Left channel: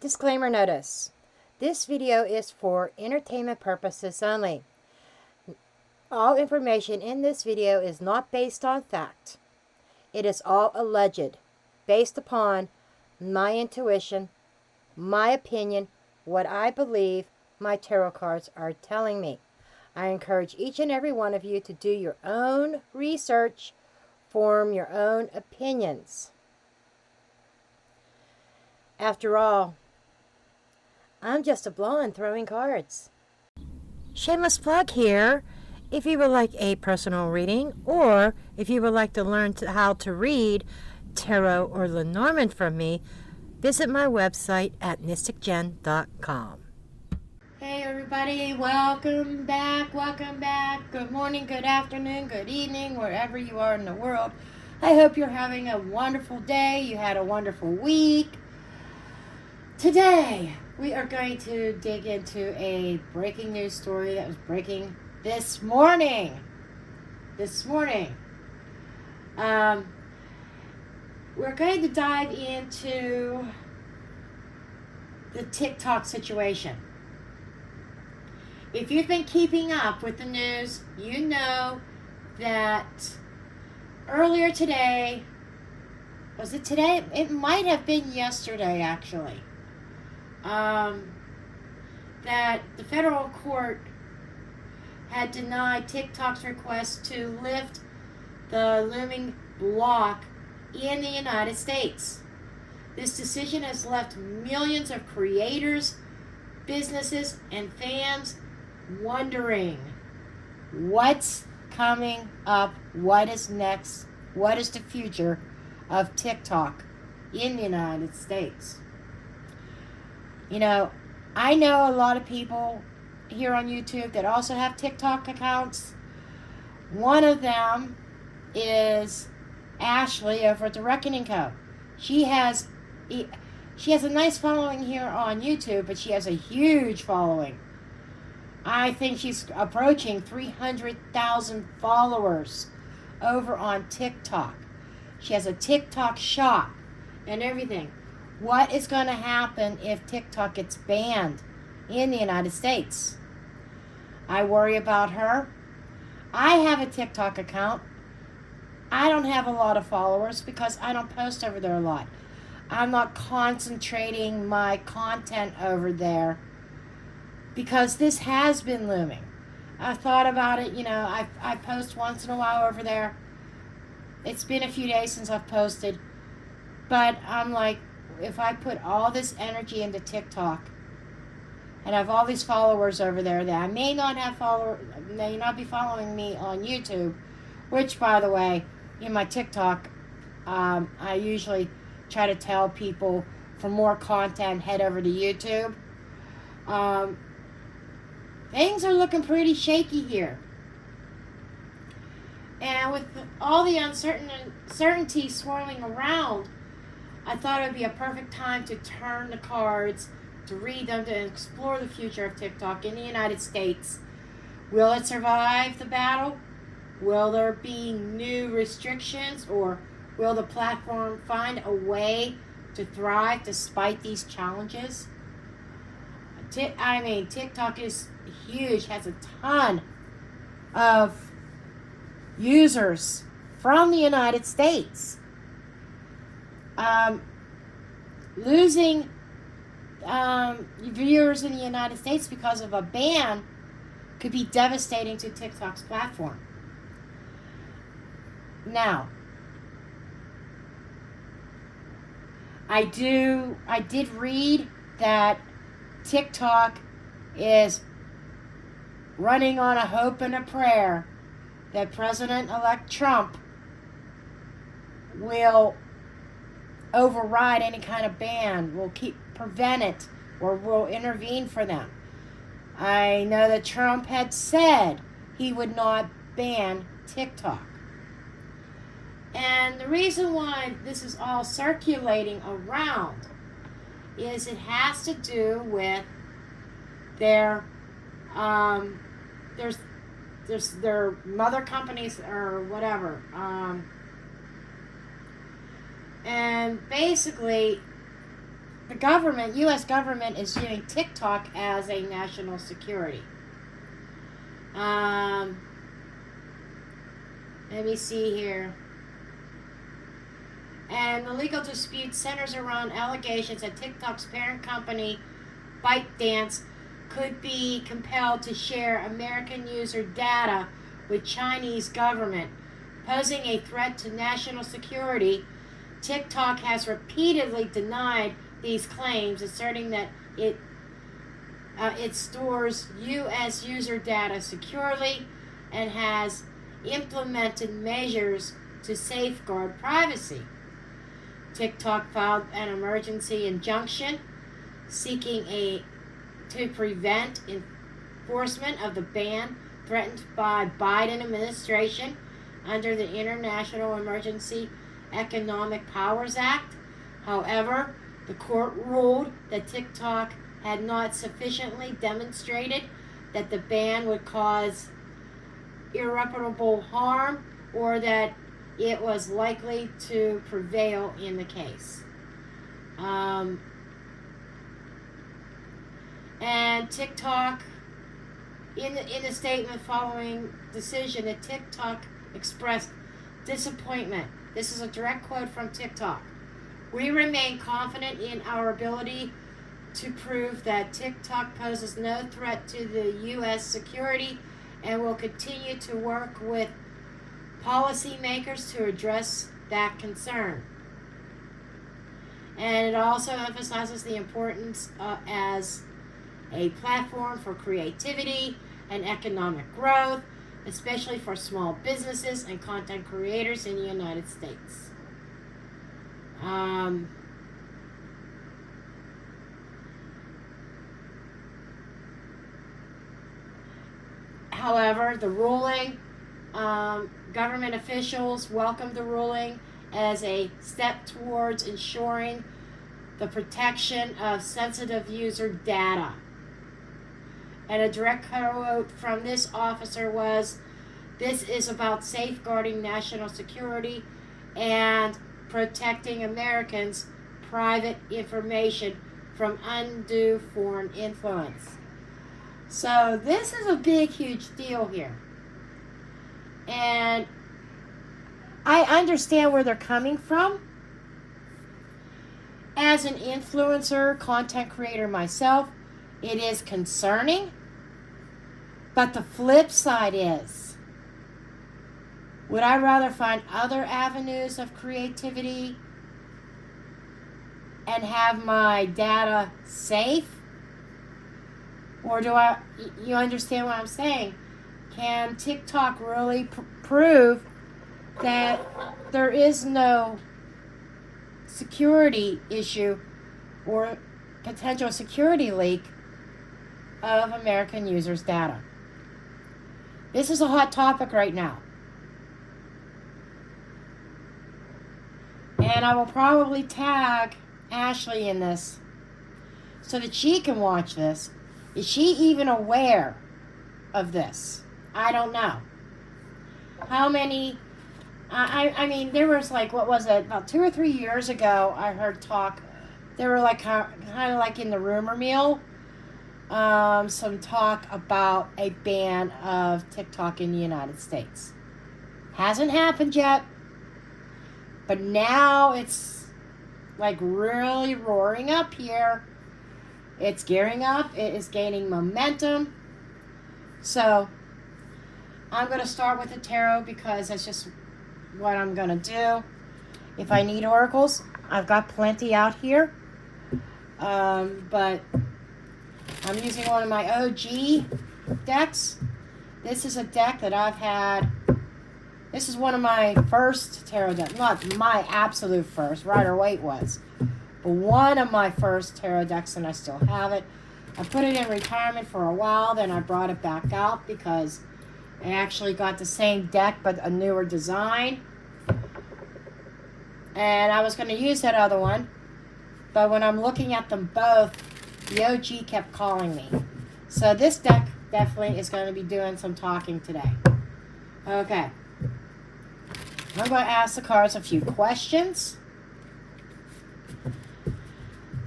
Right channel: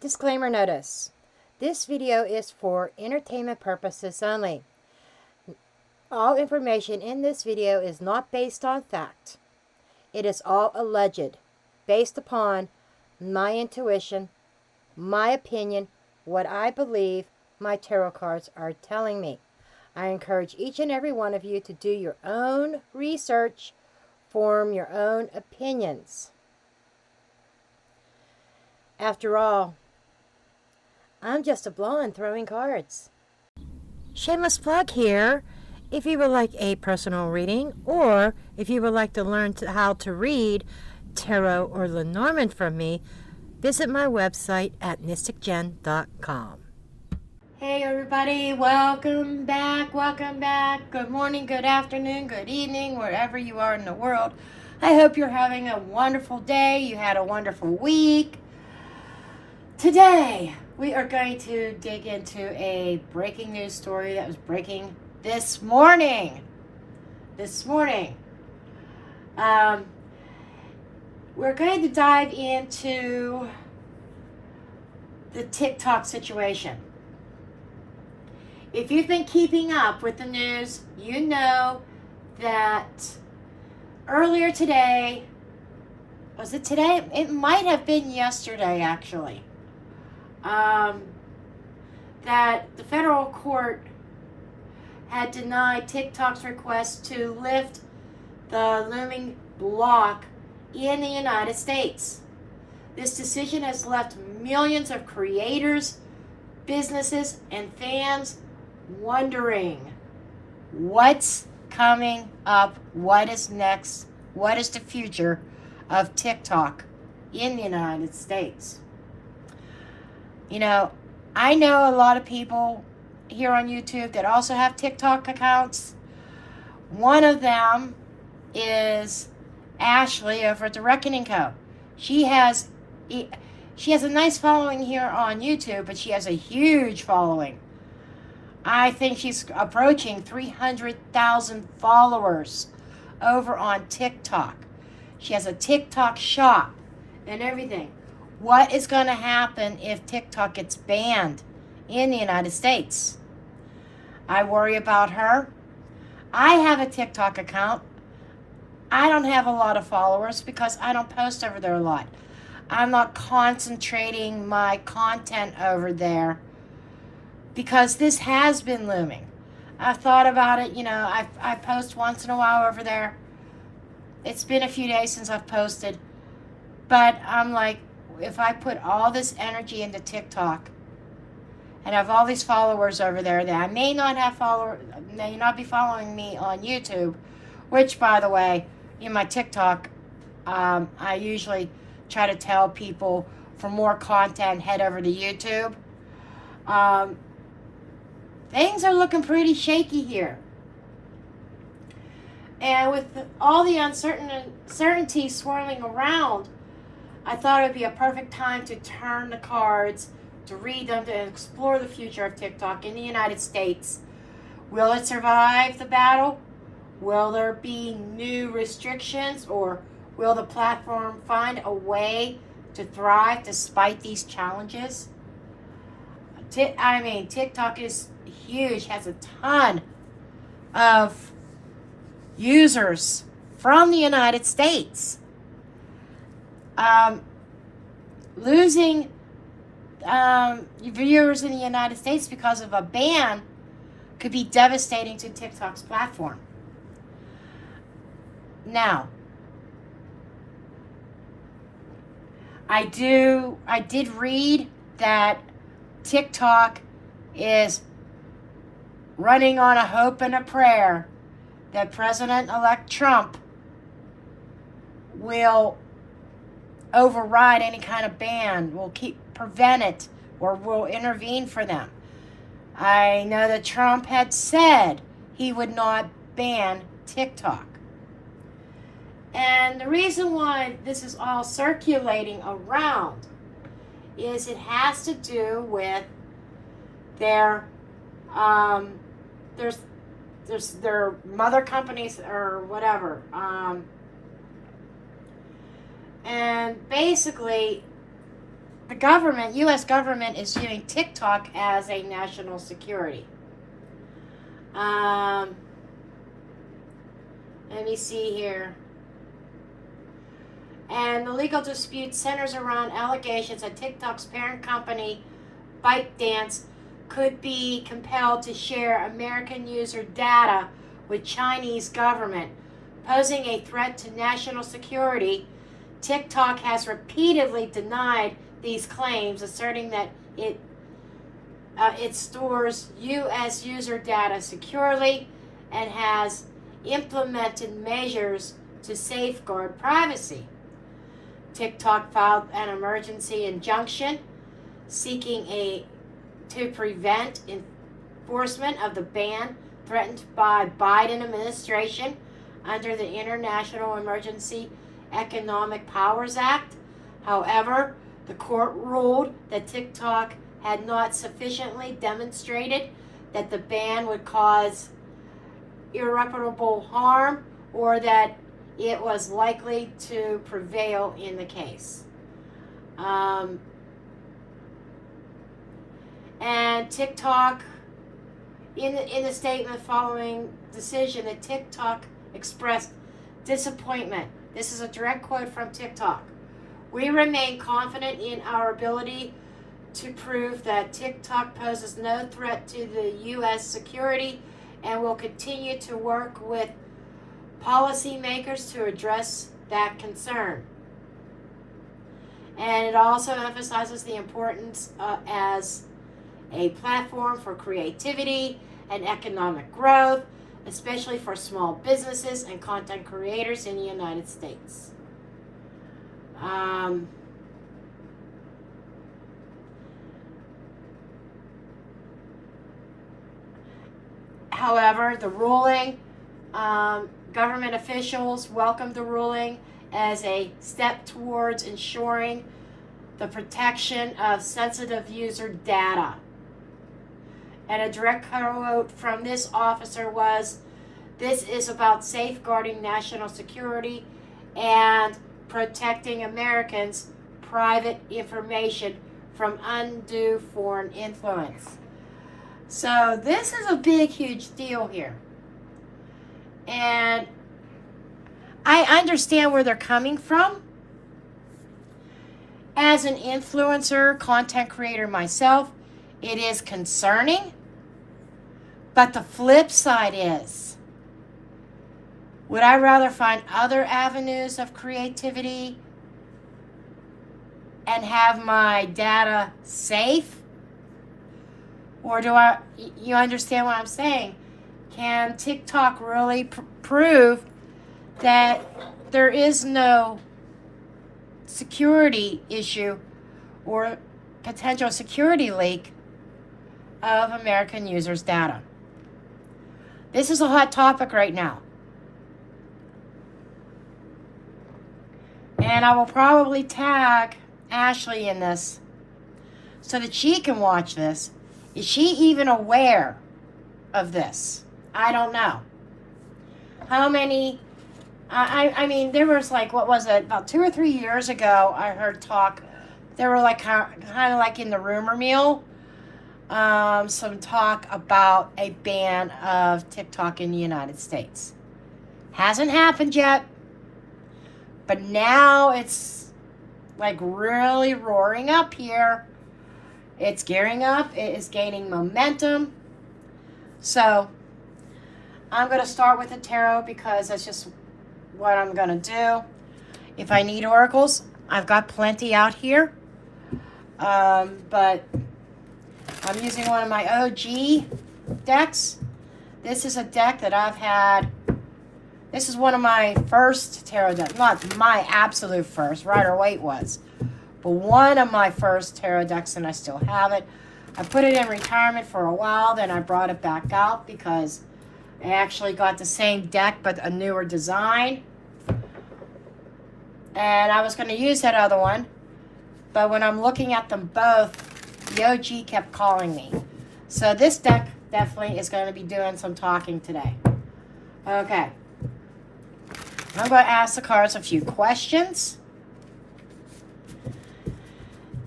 Disclaimer notice. This video is for entertainment purposes only. All information in this video is not based on fact. It is all alleged, based upon my intuition, my opinion, what I believe my tarot cards are telling me. I encourage each and every one of you to do your own research, form your own opinions. After all, I'm just a blonde throwing cards. Shameless plug here. If you would like a personal reading, or if you would like to learn how to read tarot or Lenormand from me, visit my website at mysticjenn.com. Hey everybody, welcome back. Good morning, good afternoon, good evening, wherever you are in the world. I hope you're having a wonderful day. You had a wonderful week. Today, we are going to dig into a breaking news story that was breaking this morning. We're going to dive into the TikTok situation. If you've been keeping up with the news, you know that earlier today, was it today? It might have been yesterday, actually. That the federal court had denied TikTok's request to lift the looming block in the United States. This decision has left millions of creators, businesses, and fans wondering what's coming up, what is next, what is the future of TikTok in the United States. You know, I know a lot of people here on YouTube that also have TikTok accounts. One of them is Ashley over at The Reckoning Co. She has a nice following here on YouTube, but she has a huge following. I think she's approaching 300,000 followers over on TikTok. She has a TikTok shop and everything. What is going to happen if TikTok gets banned in the United States? I worry about her. I have a TikTok account. I don't have a lot of followers because I don't post over there a lot. I'm not concentrating my content over there because this has been looming. I've thought about it. I post once in a while over there. It's been a few days since I've posted, but I'm like, if I put all this energy into TikTok and have all these followers over there that I may not be following me on YouTube, which, by the way, in my TikTok, I usually try to tell people for more content, head over to YouTube. Things are looking pretty shaky here. And with all the uncertainty swirling around, I thought it would be a perfect time to turn the cards, to read them, to explore the future of TikTok in the United States. Will it survive the battle? Will there be new restrictions, or will the platform find a way to thrive despite these challenges? TikTok is huge, has a ton of users from the United States. Losing viewers in the United States because of a ban could be devastating to TikTok's platform. Now, I did read that TikTok is running on a hope and a prayer that President-elect Trump will override any kind of ban, will prevent it, or will intervene for them. I know that Trump had said he would not ban TikTok. And the reason why this is all circulating around is it has to do with their their mother companies or whatever. And basically, the government, U.S. government, is viewing TikTok as a national security. Let me see here. And the legal dispute centers around allegations that TikTok's parent company, ByteDance, could be compelled to share American user data with Chinese government, posing a threat to national security. TikTok has repeatedly denied these claims, asserting that it stores U.S. user data securely and has implemented measures to safeguard privacy. TikTok filed an emergency injunction seeking to prevent enforcement of the ban threatened by Biden administration under the International Emergency Economic Powers Act. However, the court ruled that TikTok had not sufficiently demonstrated that the ban would cause irreparable harm or that it was likely to prevail in the case. And TikTok, in the statement following decision, that TikTok expressed disappointment. This is a direct quote from TikTok. We remain confident in our ability to prove that TikTok poses no threat to the U.S. security and will continue to work with policymakers to address that concern. And it also emphasizes the importance as a platform for creativity and economic growth, especially for small businesses and content creators in the United States. However, the ruling, government officials welcomed the ruling as a step towards ensuring the protection of sensitive user data. And a direct quote from this officer was, "This is about safeguarding national security and protecting Americans' private information from undue foreign influence." So this is a big, huge deal here. And I understand where they're coming from. As an influencer, content creator myself, it is concerning. But the flip side is, would I rather find other avenues of creativity and have my data safe? Or you understand what I'm saying? Can TikTok really prove that there is no security issue or potential security leak of American users' data? This is a hot topic right now. And I will probably tag Ashley in this so that she can watch this. Is she even aware of this? I don't know. How many, I mean, there was like, what was it, about 2 or 3 years ago, I heard talk, there were like kind of like in the rumor mill, some talk about a ban of TikTok in the United States. Hasn't happened yet, but now it's like really roaring up here. It's gearing up. It is gaining momentum. So I'm going to start with the tarot because that's just what I'm going to do. If I need oracles, I've got plenty out here. But I'm using one of my OG decks. This is a deck that I've had. This is one of my first tarot decks. Not my absolute first. Rider Waite was. But one of my first tarot decks, and I still have it. I put it in retirement for a while, then I brought it back out because I actually got the same deck but a newer design. And I was going to use that other one, but when I'm looking at them both, the OG kept calling me. So this deck definitely is going to be doing some talking today. Okay. I'm going to ask the cards a few questions.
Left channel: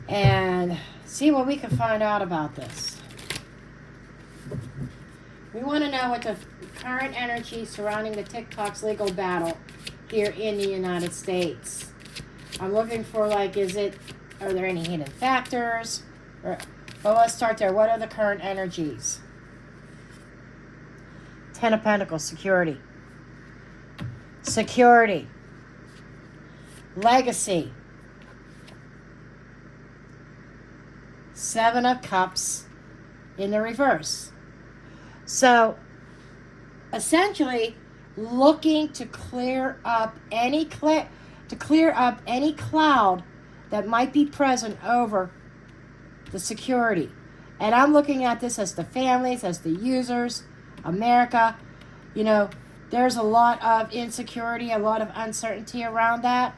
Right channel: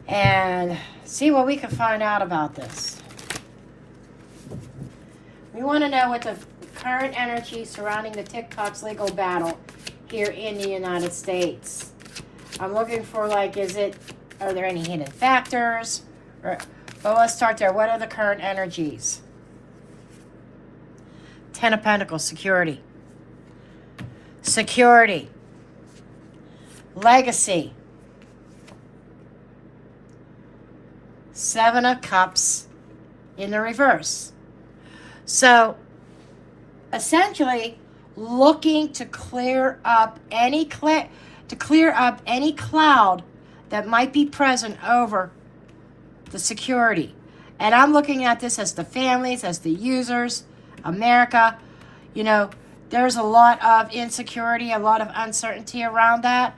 and see what we can find out about this. We want to know what the current energy surrounding the TikTok's legal battle here in the United States. I'm looking for, like, are there any hidden factors? Well, let's start there. What are the current energies? Ten of Pentacles, security. Security. Legacy. Seven of Cups in the reverse. So, essentially, looking to clear up any cloud that might be present over the security. And I'm looking at this as the families, as the users, America. You know, there's a lot of insecurity, a lot of uncertainty around that.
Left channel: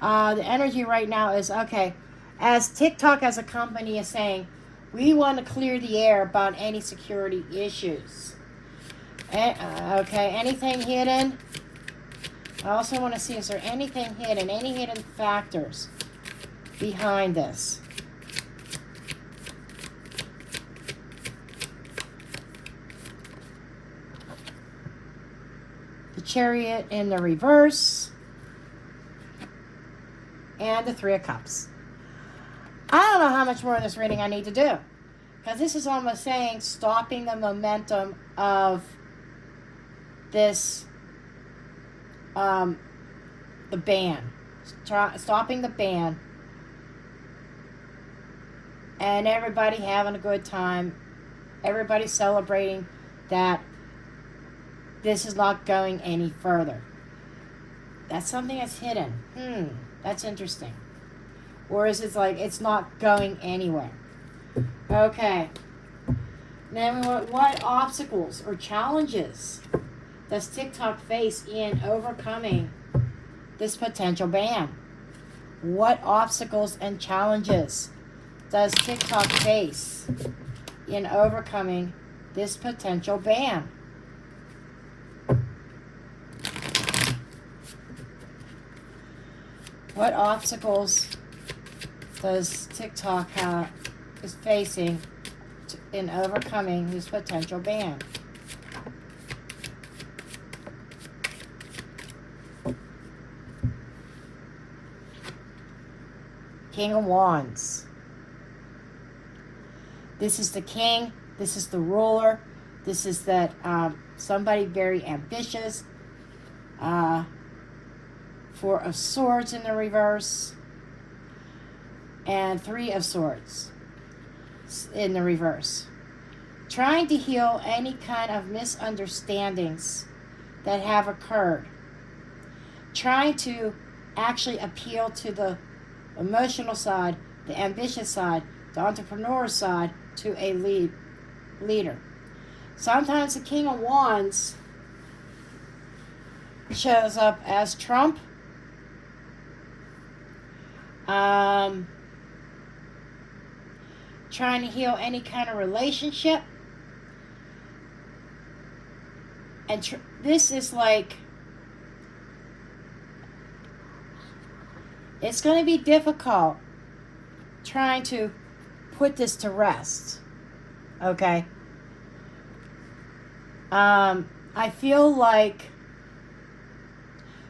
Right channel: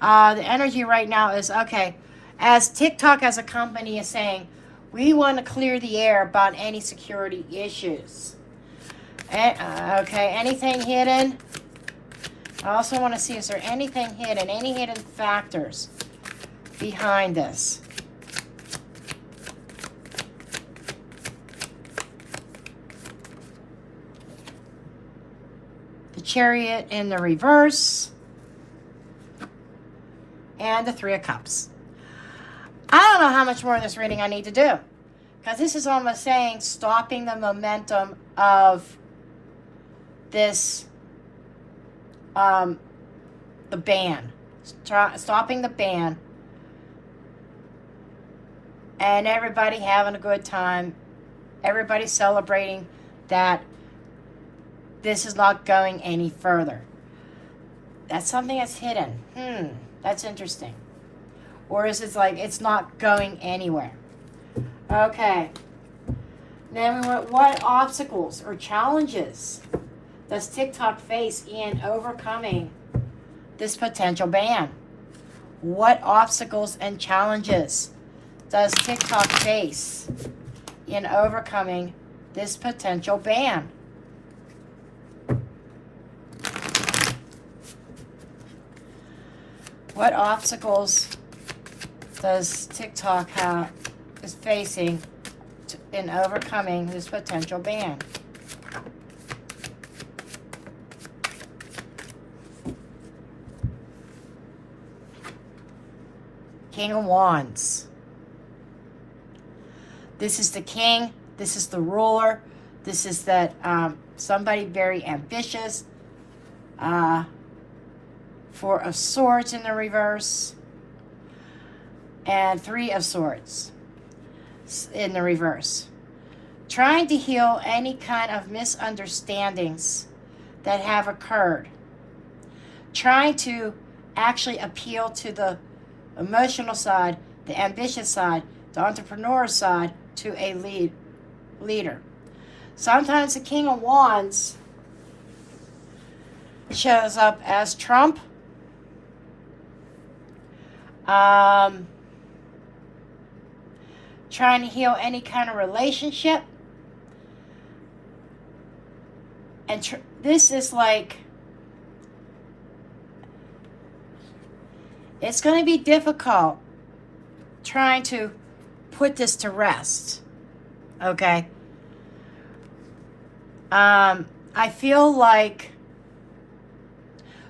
The energy right now is, okay, as TikTok as a company is saying, we want to clear the air about any security issues. Okay, anything hidden? I also want to see, is there anything hidden, any hidden factors behind this? The Chariot in the reverse. And the Three of Cups. I don't know how much more of this reading I need to do. Because this is almost saying stopping the momentum of this, the ban. Stopping the ban. And everybody having a good time. Everybody celebrating that this is not going any further. That's something that's hidden. That's interesting. Or is it like it's not going anywhere? Okay. Then we want, what obstacles or challenges does TikTok face in overcoming this potential ban? What obstacles and challenges does TikTok face in overcoming this potential ban? What obstacles does TikTok is facing in overcoming this potential ban? King of Wands. This is the king. This is the ruler. This is that somebody very ambitious. Four of Swords in the reverse. And Three of Swords in the reverse. Trying to heal any kind of misunderstandings that have occurred. Trying to actually appeal to the emotional side, the ambitious side, the entrepreneur side, to a leader. Sometimes the King of Wands shows up as Trump. Trying to heal any kind of relationship. And this is like, it's going to be difficult trying to put this to rest. Okay? I feel like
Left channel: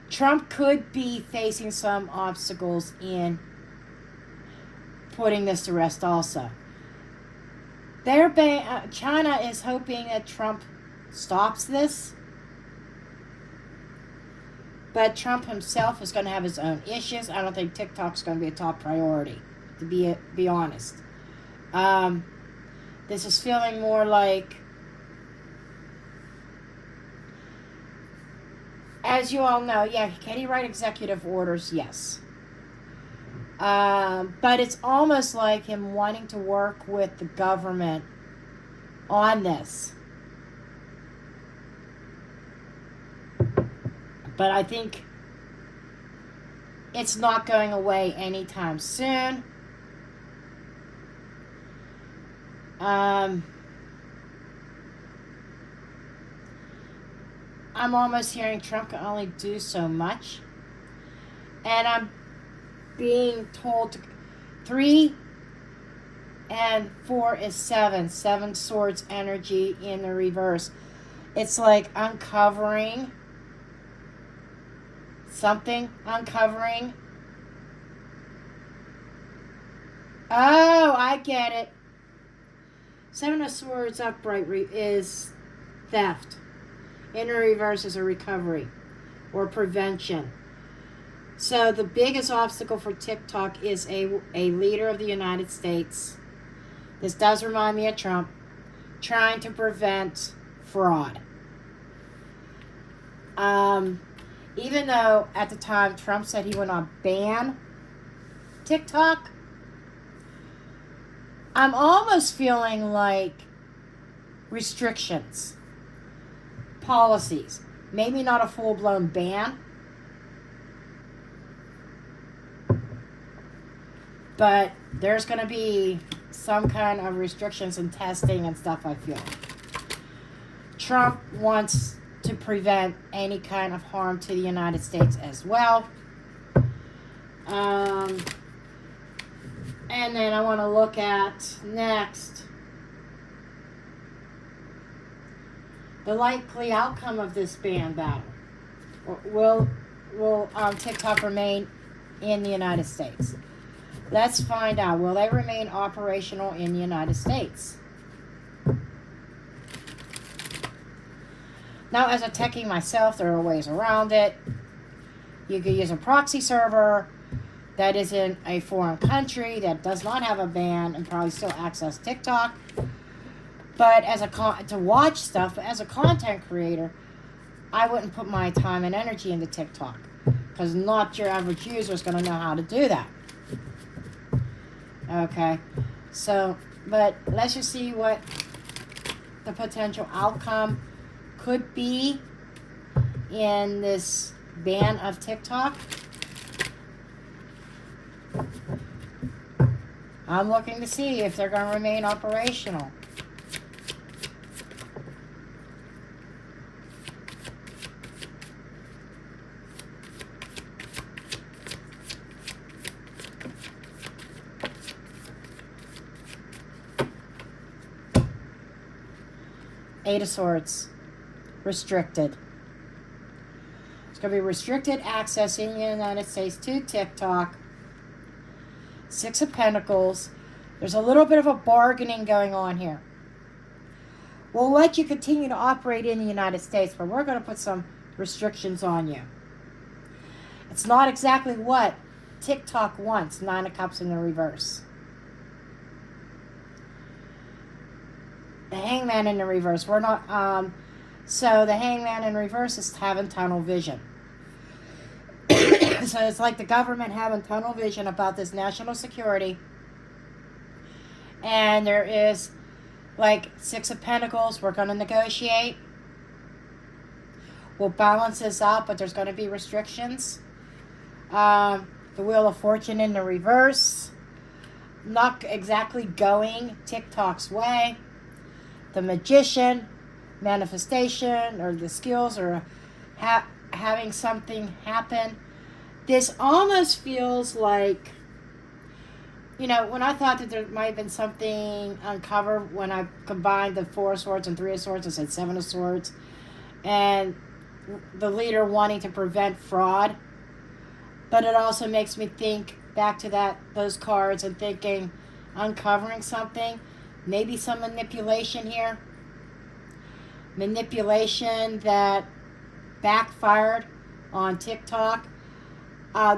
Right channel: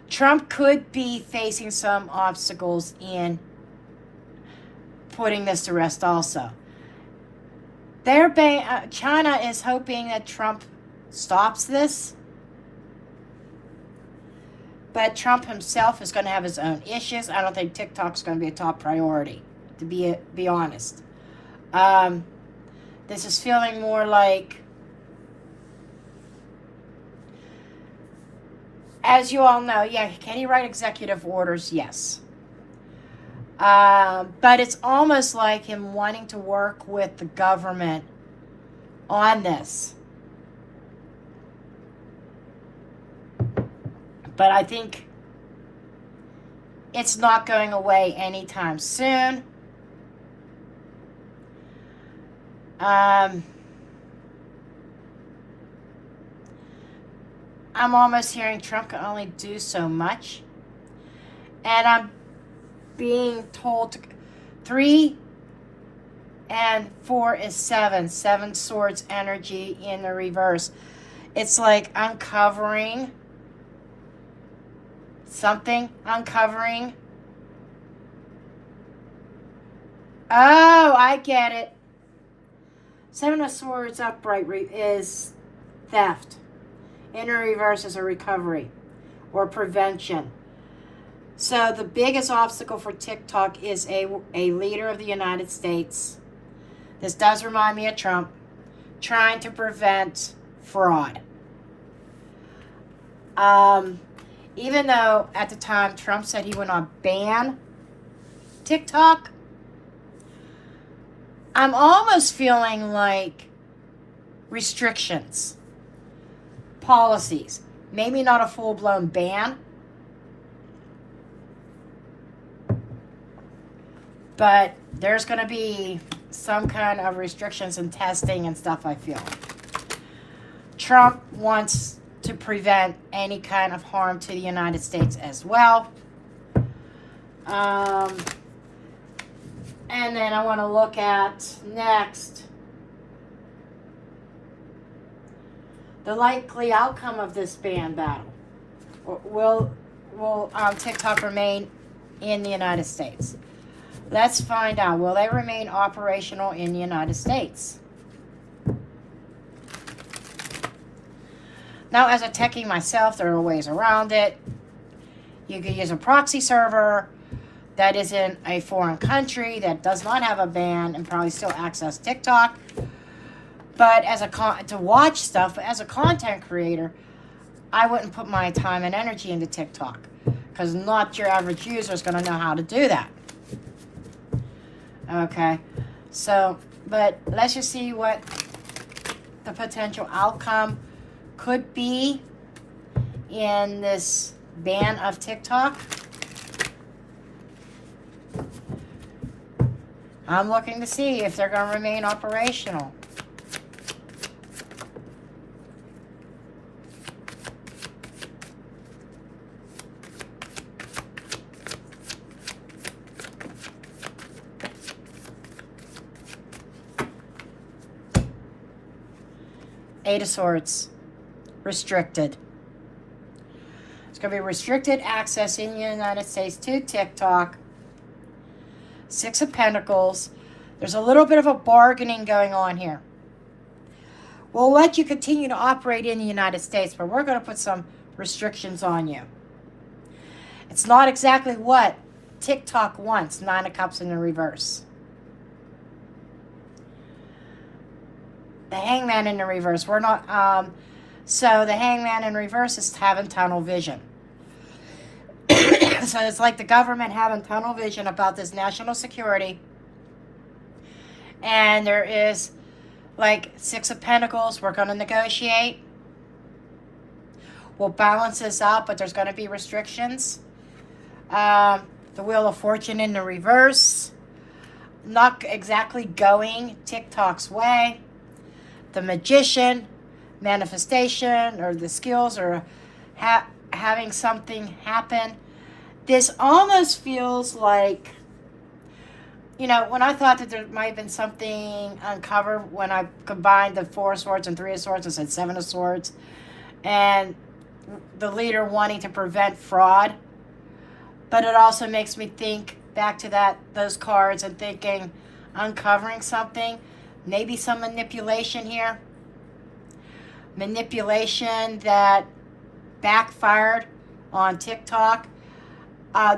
Trump could be facing some obstacles in putting this to rest also. China is hoping that Trump stops this. But Trump himself is going to have his own issues. I don't think TikTok's going to be a top priority, to be honest. This is feeling more like, as you all know, yeah, can he write executive orders? Yes. But it's almost like him wanting to work with the government on this. But I think it's not going away anytime soon. I'm almost hearing Trump can only do so much. And I'm being told 3 4 is 7. 7 swords energy in the reverse. It's like uncovering something. Uncovering. Oh, I get it. 7 of swords upright is theft. In the reverse is a recovery or prevention. So the biggest obstacle for TikTok is a leader of the United States. This does remind me of Trump, trying to prevent fraud. Even though at the time Trump said he would not ban TikTok, I'm almost feeling like restrictions, policies, maybe not a full-blown ban, but there's going to be some kind of restrictions and testing and stuff, I feel. Trump wants to prevent any kind of harm to the United States as well. And then I want to look at next the likely outcome of this ban battle. Will TikTok remain in the United States? Let's find out. Will they remain operational in the United States? Now, as a techie myself, there are ways around it. You could use a proxy server that is in a foreign country that does not have a ban and probably still access TikTok. But to watch stuff, as a content creator, I wouldn't put my time and energy into TikTok because not your average user is going to know how to do that. Okay, so, but let's just see what the potential outcome could be in this ban of TikTok. I'm looking to see if they're going to remain operational. Eight of Swords. Restricted. It's going to be restricted access in the United States to TikTok. 6 of Pentacles. There's a little bit of a bargaining going on here. We'll let you continue to operate in the United States, but we're going to put some restrictions on you. It's not exactly what TikTok wants. 9 of Cups in the reverse. The Hangman in the reverse. We're not, so the Hangman in reverse is having tunnel vision. So it's like the government having tunnel vision about this national security. And there is like 6 of Pentacles. We're going to negotiate. We'll balance this out, but there's going to be restrictions. The Wheel of Fortune in the reverse. Not exactly going TikTok's way. The Magician, manifestation, or the skills, or having something happen. This almost feels like, you know, when I thought that there might have been something uncovered when I combined the 4 of Swords and 3 of Swords, I said 7 of Swords, and the leader wanting to prevent fraud. But it also makes me think back to those cards and thinking, uncovering something. Maybe some manipulation here. Manipulation that backfired on TikTok.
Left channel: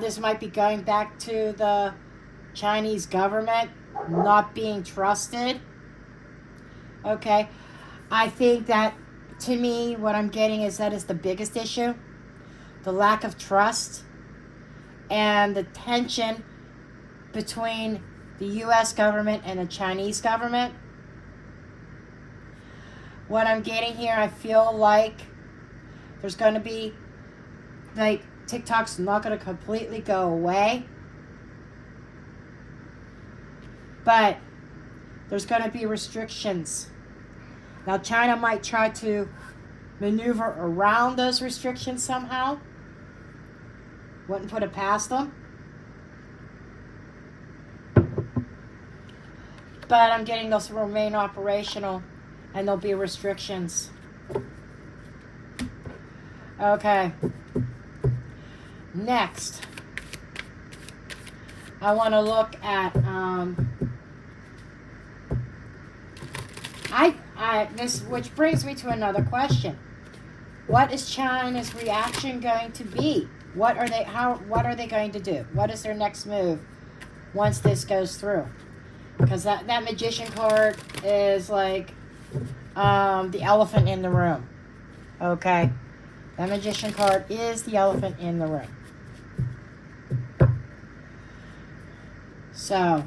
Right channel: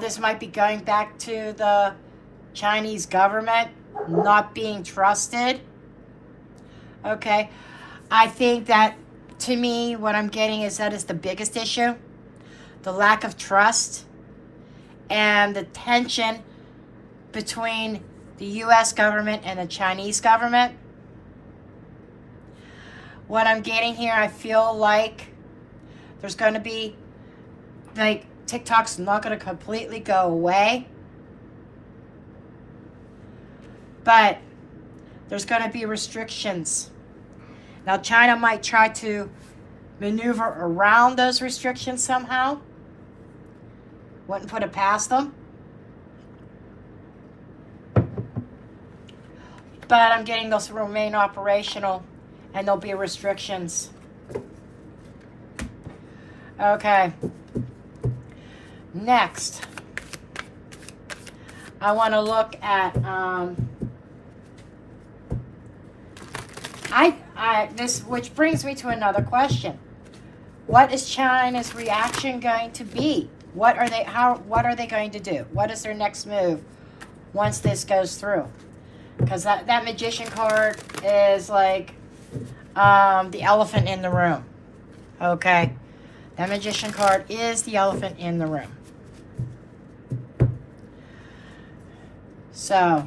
This might be going back to the Chinese government not being trusted. Okay. I think that, to me, what I'm getting is that is the biggest issue. The lack of trust and the tension between the U.S. government and the Chinese government. What I'm getting here, I feel like there's going to be, like, TikTok's not going to completely go away. But there's going to be restrictions. Now, China might try to maneuver around those restrictions somehow. Wouldn't put it past them. but I'm getting those to remain operational, and there'll be restrictions. Okay. Next, I want to look at this, which brings me to another question. What is China's reaction going to be? What are they going to do? What is their next move once this goes through? Because that magician card is like the elephant in the room. Okay? That magician card is the elephant in the room. So,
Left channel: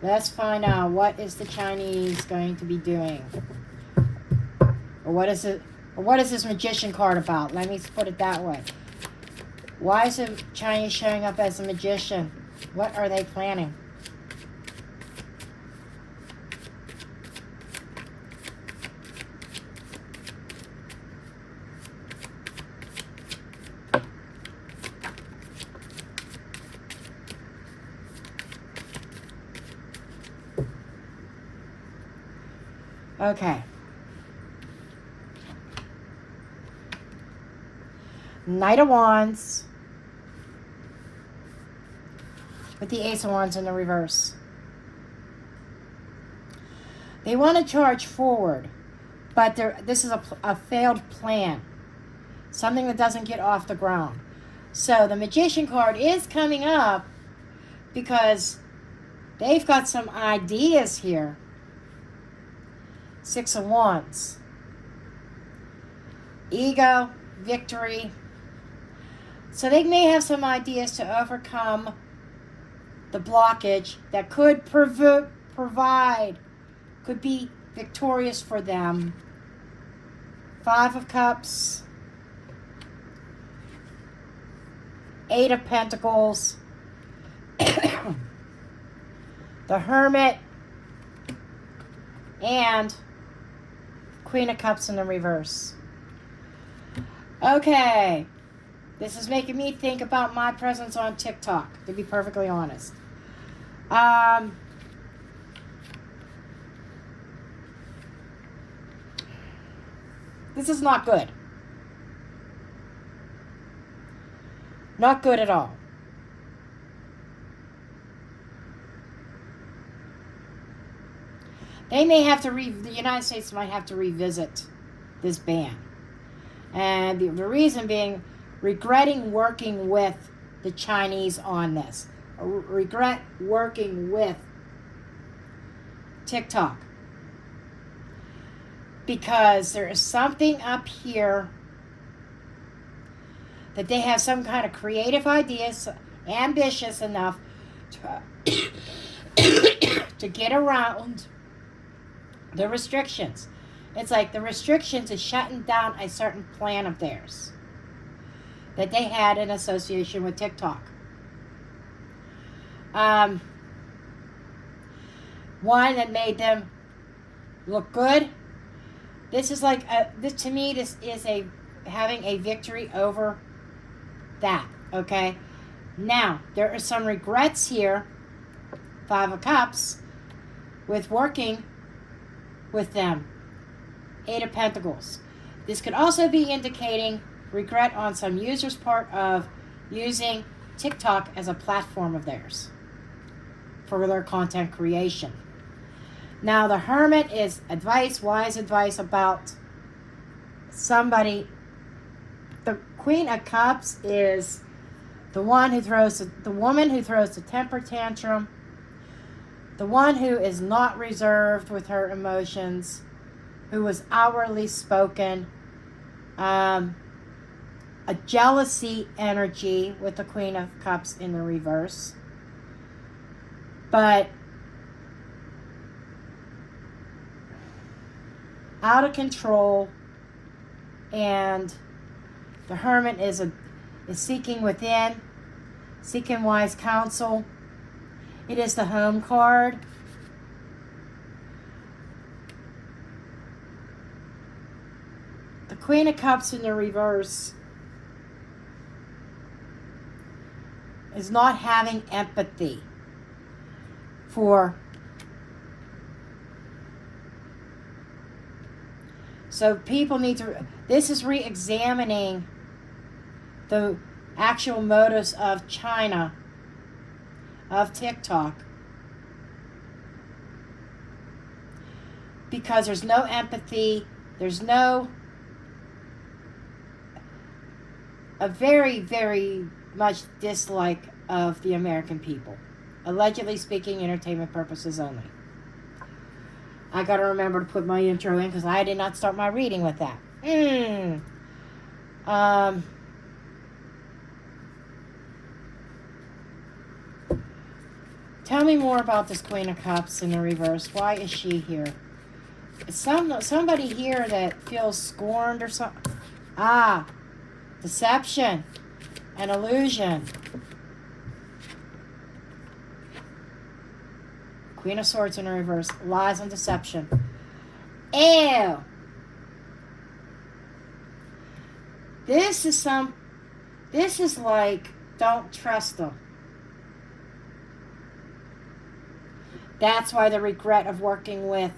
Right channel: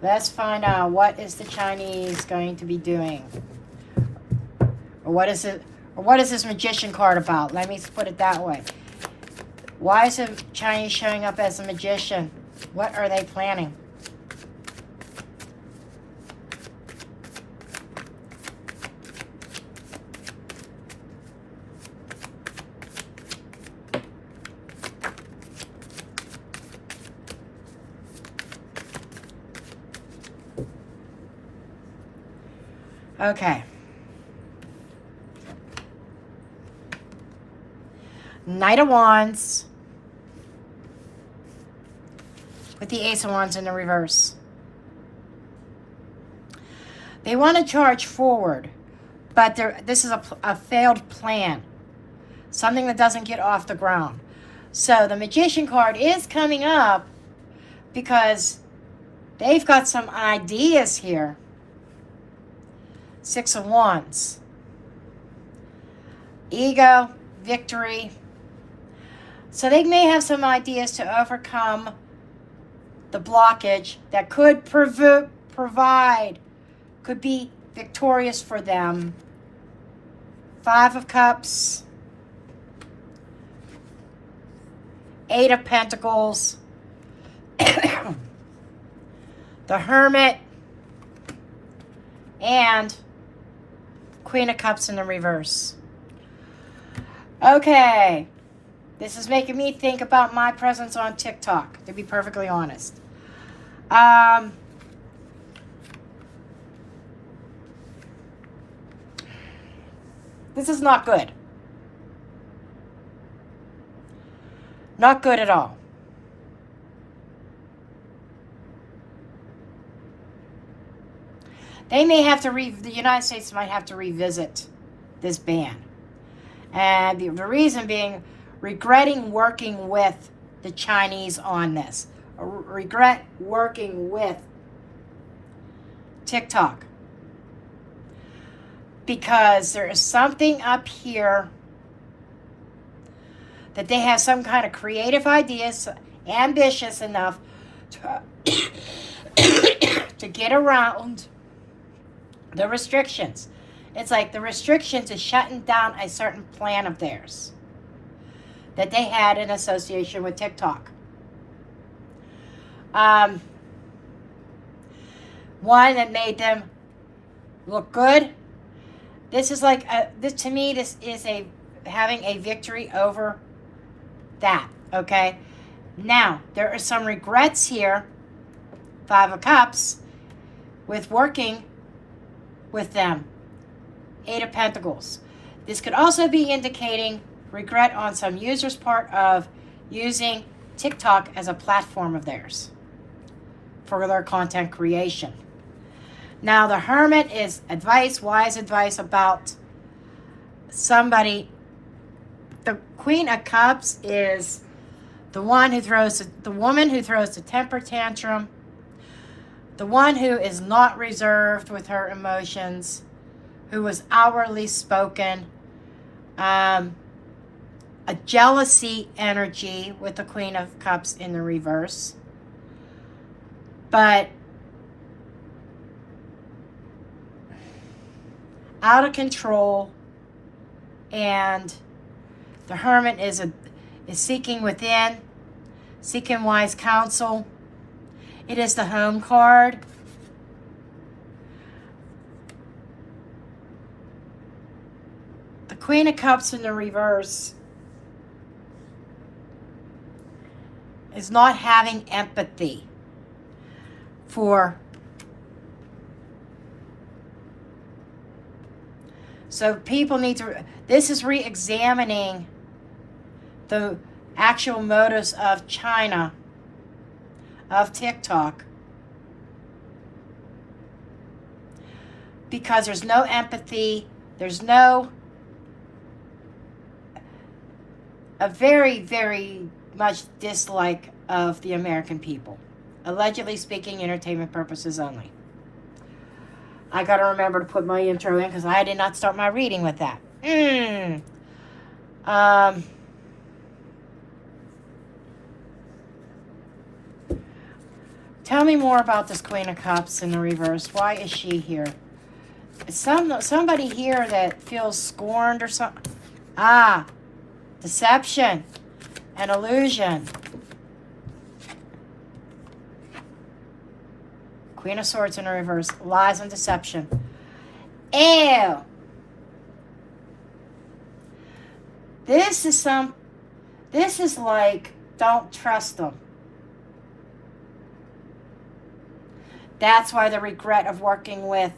let's find out what is the Chinese going to be doing. What is this magician card about? Let me put it that way. Why is the Chinese showing up as a magician? What are they planning? Okay. Knight of Wands with the Ace of Wands in the reverse. They want to charge forward, but this is a failed plan. Something that doesn't get off the ground. So the Magician card is coming up because they've got some ideas here. Six of Wands. Ego, victory. So they may have some ideas to overcome the blockage that could could be victorious for them. Five of Cups. Eight of Pentacles. The Hermit. And Queen of Cups in the reverse. Okay. This is making me think about my presence on TikTok, to be perfectly honest. This is not good. Not good at all. They may have to the United States might have to revisit this ban. And the reason being, regretting working with the Chinese on this. Regret working with TikTok. Because there is something up here that they have some kind of creative ideas, ambitious enough to get around the restrictions. It's like the restrictions is shutting down a certain plan of theirs that they had in association with TikTok. One that made them look good. This is like to me, this is having a victory over that. Okay. Now there are some regrets here. Five of Cups with working with them. Eight of Pentacles. This could also be indicating regret on some users' part of using TikTok as a platform of theirs for their content creation. Now the Hermit is advice, wise advice about somebody. The Queen of Cups is the woman who throws the temper tantrum, the one who is not reserved with her emotions, who is outwardly spoken, a jealousy energy with the Queen of Cups in the reverse. But out of control, and the Hermit is seeking within, seeking wise counsel. It is the Home card. The Queen of Cups in the reverse is not having empathy for So people need to, this is re-examining the actual motives of China, of TikTok, because there's no empathy, there's no, a very, very much dislike of the American people. Allegedly speaking, entertainment purposes only. I gotta remember to put my intro in because I did not start my reading with that. Tell me more about this Queen of Cups in the reverse. Why is she here? Somebody here that feels scorned or something. Ah, deception and illusion. Queen of Swords in the reverse. Lies and deception. Ew. This is like, don't trust them. That's why the regret of working with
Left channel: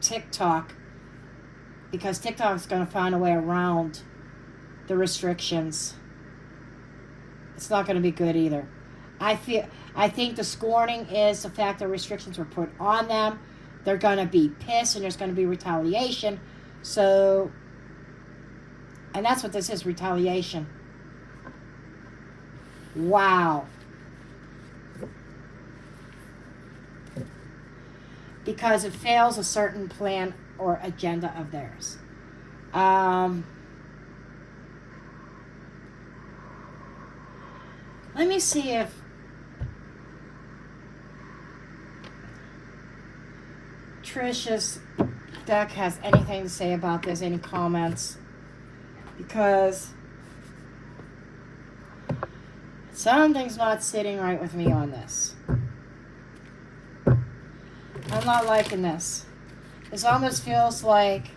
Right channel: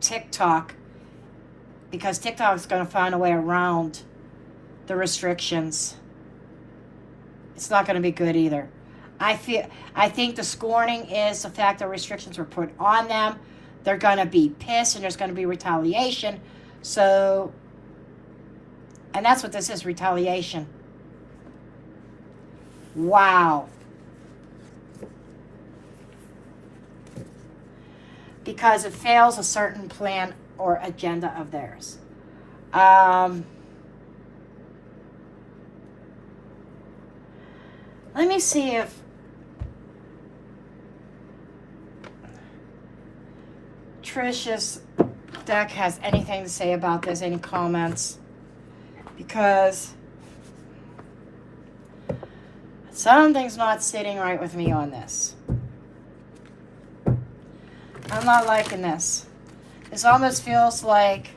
TikTok, because TikTok is going to find a way around the restrictions. It's not going to be good either. I think the scorning is the fact that restrictions were put on them. They're going to be pissed and there's going to be retaliation. So, and that's what this is, retaliation. Wow. Because it fails a certain plan or agenda of theirs. Let me see if Trish's deck has anything to say about this, any comments, because something's not sitting right with me on this. I'm not liking this. This almost feels like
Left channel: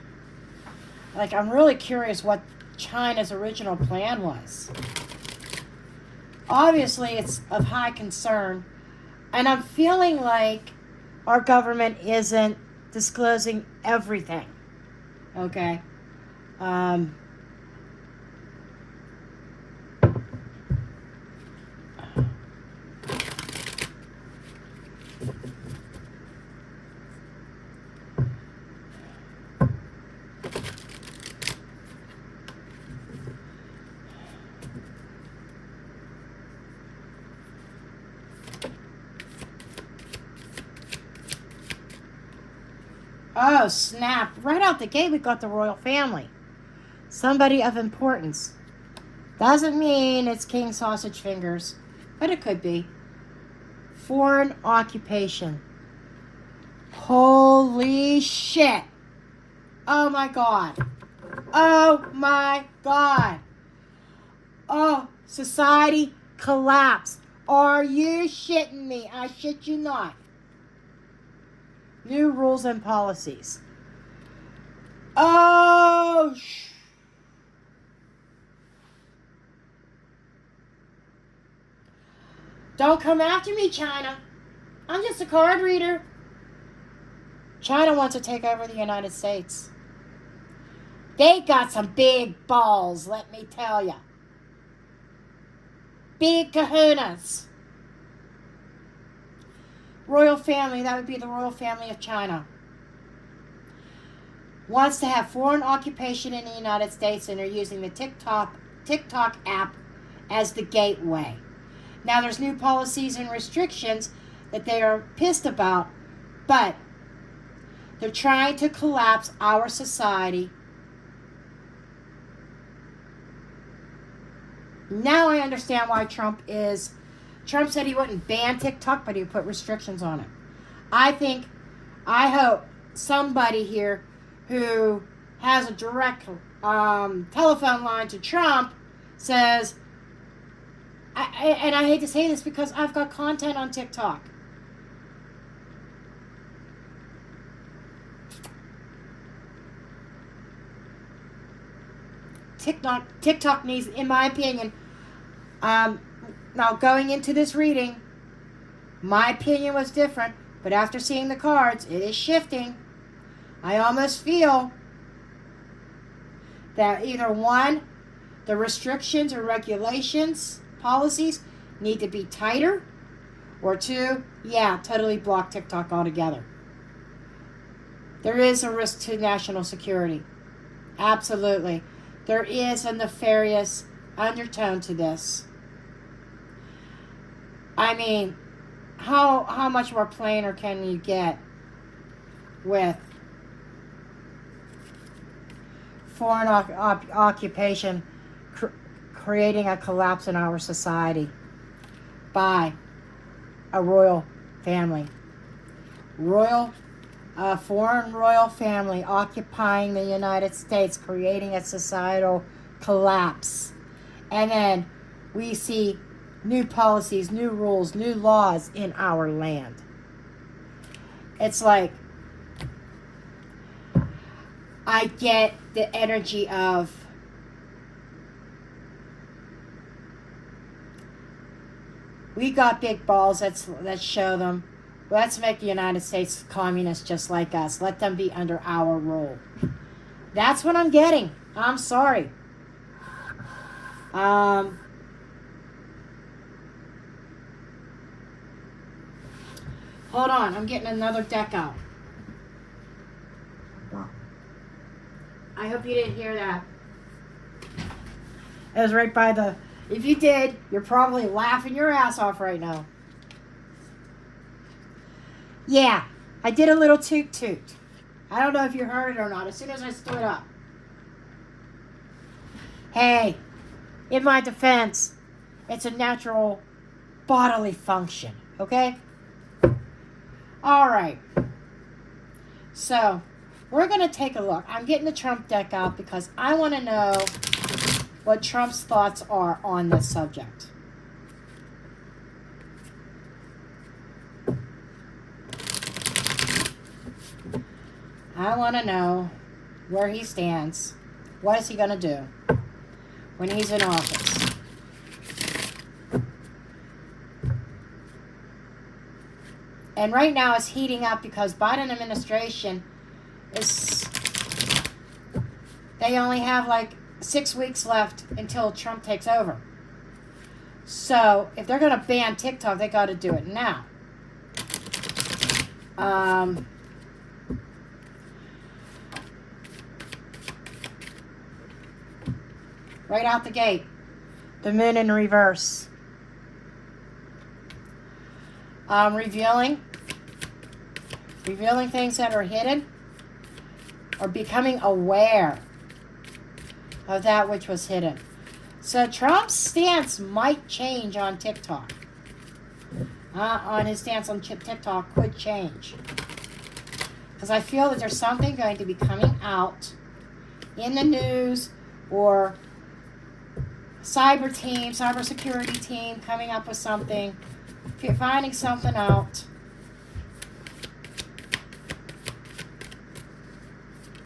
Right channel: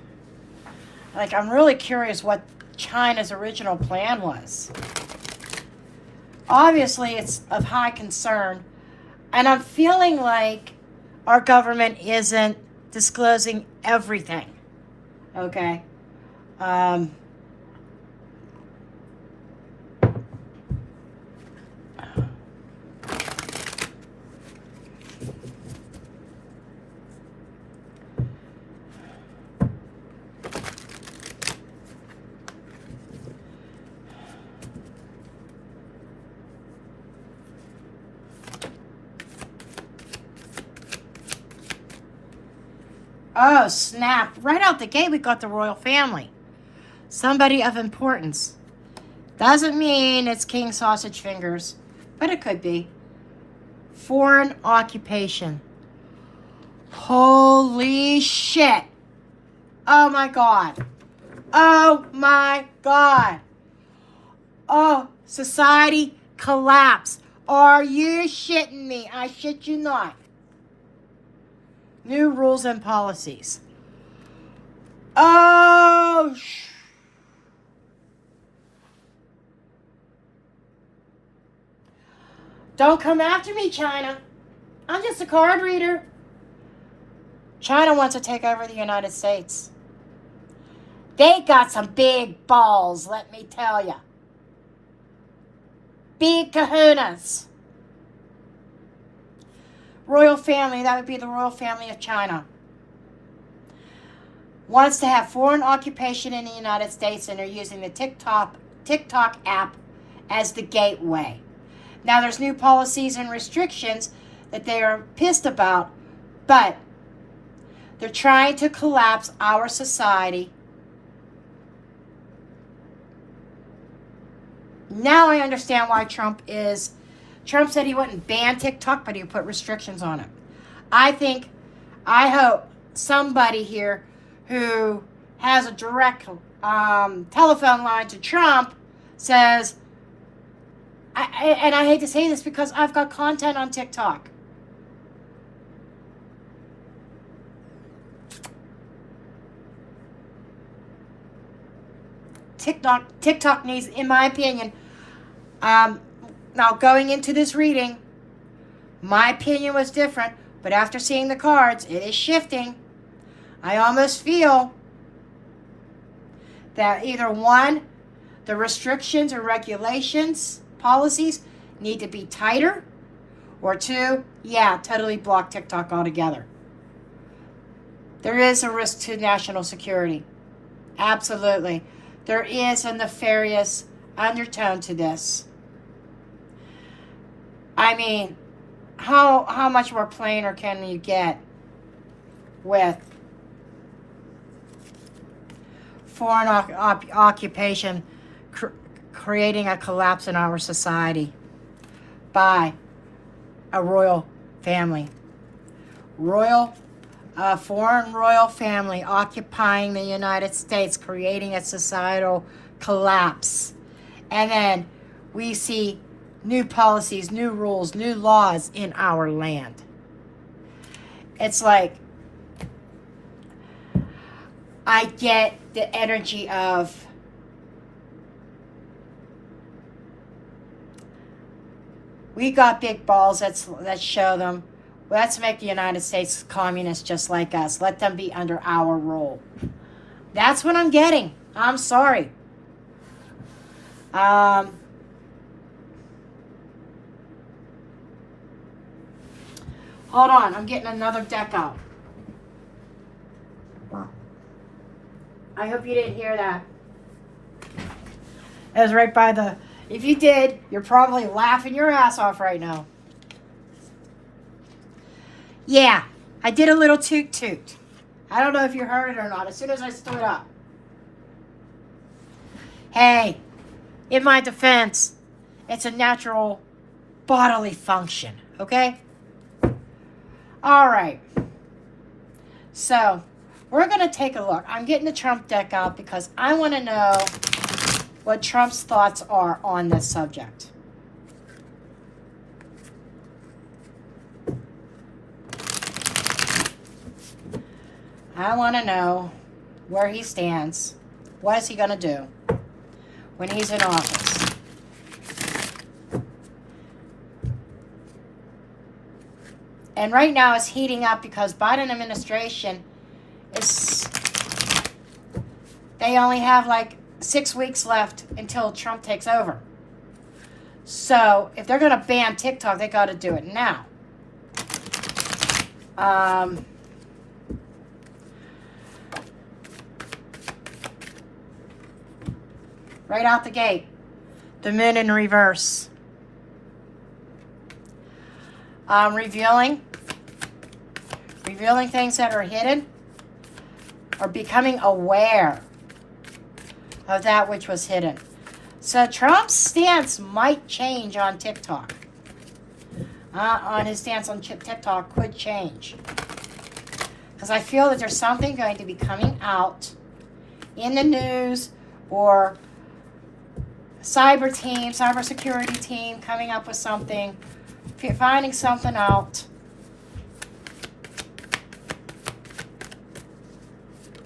I'm really curious what China's original plan was. Obviously, it's of high concern, and I'm feeling like our government isn't disclosing everything. Okay? Oh, snap. Right out the gate, we got the royal family. Somebody of importance. Doesn't mean it's King Sausage Fingers, but it could be. Foreign occupation. Holy shit. Oh, my God. Oh, my God. Oh, society collapse. Are you shitting me? I shit you not. New rules and policies. Oh, don't come after me, China. I'm just a card reader. China wants to take over the United States. They got some big balls, let me tell you. Big kahunas. Royal family, that would be the royal family of China. Wants to have foreign occupation in the United States, and are using the TikTok app as the gateway. Now there's new policies and restrictions that they are pissed about, but they're trying to collapse our society. Now I understand why Trump said he wouldn't ban TikTok, but he would put restrictions on it. I hope somebody here who has a direct telephone line to Trump says, and I hate to say this because I've got content on TikTok. TikTok needs, in my opinion, now going into this reading, my opinion was different, but after seeing the cards, it is shifting. I almost feel that either one, the restrictions or regulations, policies need to be tighter, or two, yeah, totally block TikTok altogether. There is a risk to national security. Absolutely. There is a nefarious undertone to this. I mean, how much more plainer can you get with foreign occupation creating a collapse in our society by a royal family? Foreign royal family occupying the United States, creating a societal collapse. And then we see new policies, new rules, new laws in our land. It's like, I get the energy of we got big balls, let's show them. Let's make the United States communist just like us. Let them be under our rule. That's what I'm getting. I'm sorry. Hold on, I'm getting another deck out. I hope you didn't hear that. It was right by the... If you did, you're probably laughing your ass off right now. Yeah, I did a little toot toot. I don't know if you heard it or not as soon as I stood up. Hey, in my defense, it's a natural bodily function, okay? All right. So, we're going to take a look. I'm getting the Trump deck out because I want to know what Trump's thoughts are on this subject. I want to know where he stands. What is he going to do when he's in office? And right now it's heating up because Biden administration is... They only have like 6 weeks left until Trump takes over. So if they're going to ban TikTok, they got to do it now. Right out the gate, the moon in reverse. Revealing things that are hidden, or becoming aware of that which was hidden. So Trump's stance might change on TikTok. On his stance on TikTok could change. Because I feel that there's something going to be coming out in the news, or cybersecurity team coming up with something, finding something out.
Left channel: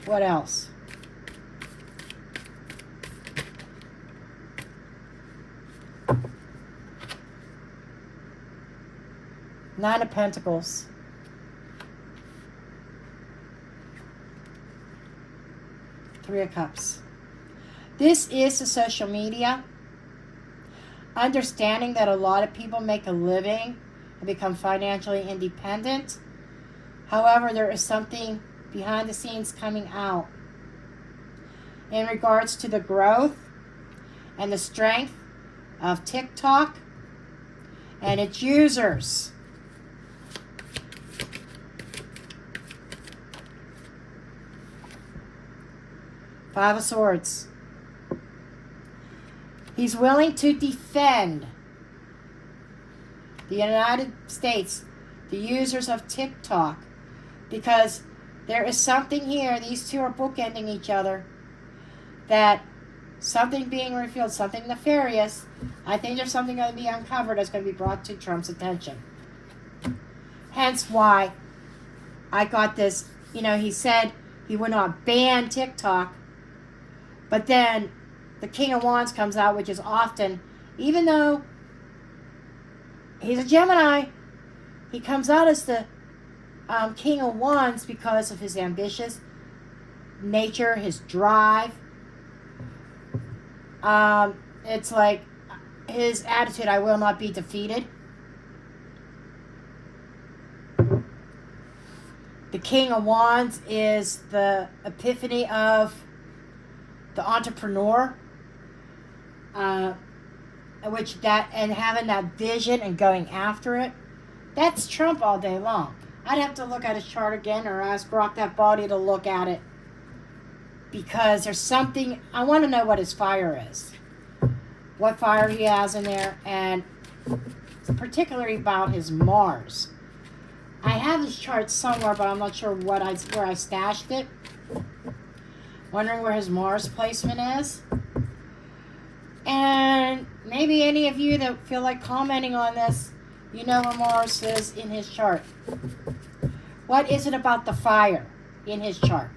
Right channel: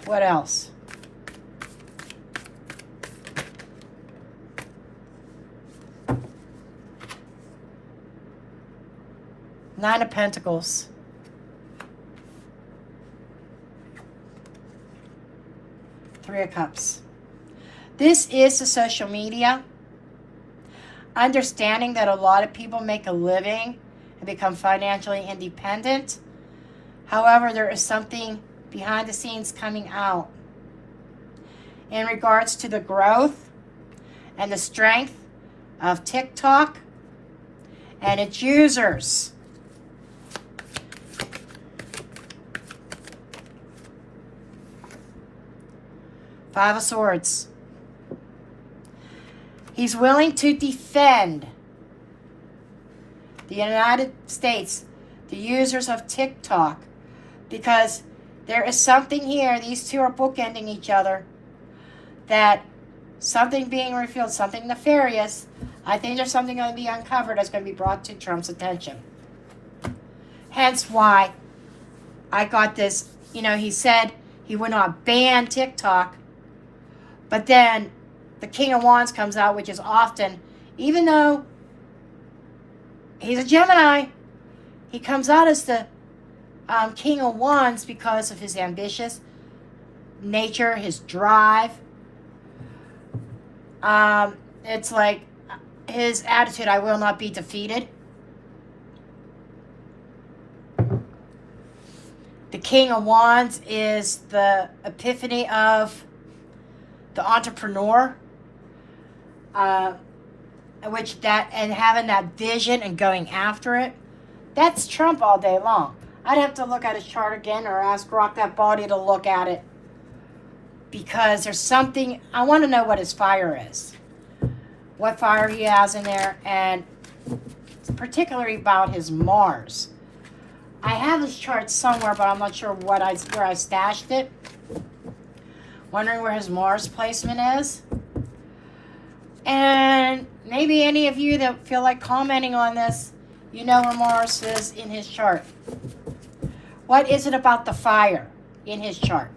What else? Nine of Pentacles. Three of Cups. This is the social media. Understanding that a lot of people make a living and become financially independent. However, there is something behind the scenes coming out in regards to the growth and the strength of TikTok and its users. Five of Swords. He's willing to defend the United States, the users of TikTok, because there is something here, these two are bookending each other, that something being revealed, something nefarious. I think there's something going to be uncovered that's going to be brought to Trump's attention. Hence why I got this, he said he would not ban TikTok, but then the King of Wands comes out, which is often, even though he's a Gemini, he comes out as the King of Wands because of his ambitious nature, his drive, It's like his attitude, I will not be defeated. The King of Wands is the epiphany of the entrepreneur, and having that vision and going after it. That's Trump all day long. I'd have to look at his chart again or ask Rock That Body to look at it, because there's something, I want to know what his fire is. What fire he has in there, and particularly about his Mars. I have his chart somewhere, but I'm not sure where I stashed it. Wondering where his Mars placement is. And maybe any of you that feel like commenting on this, you know where Mars is in his chart. What is it about the fire in his chart?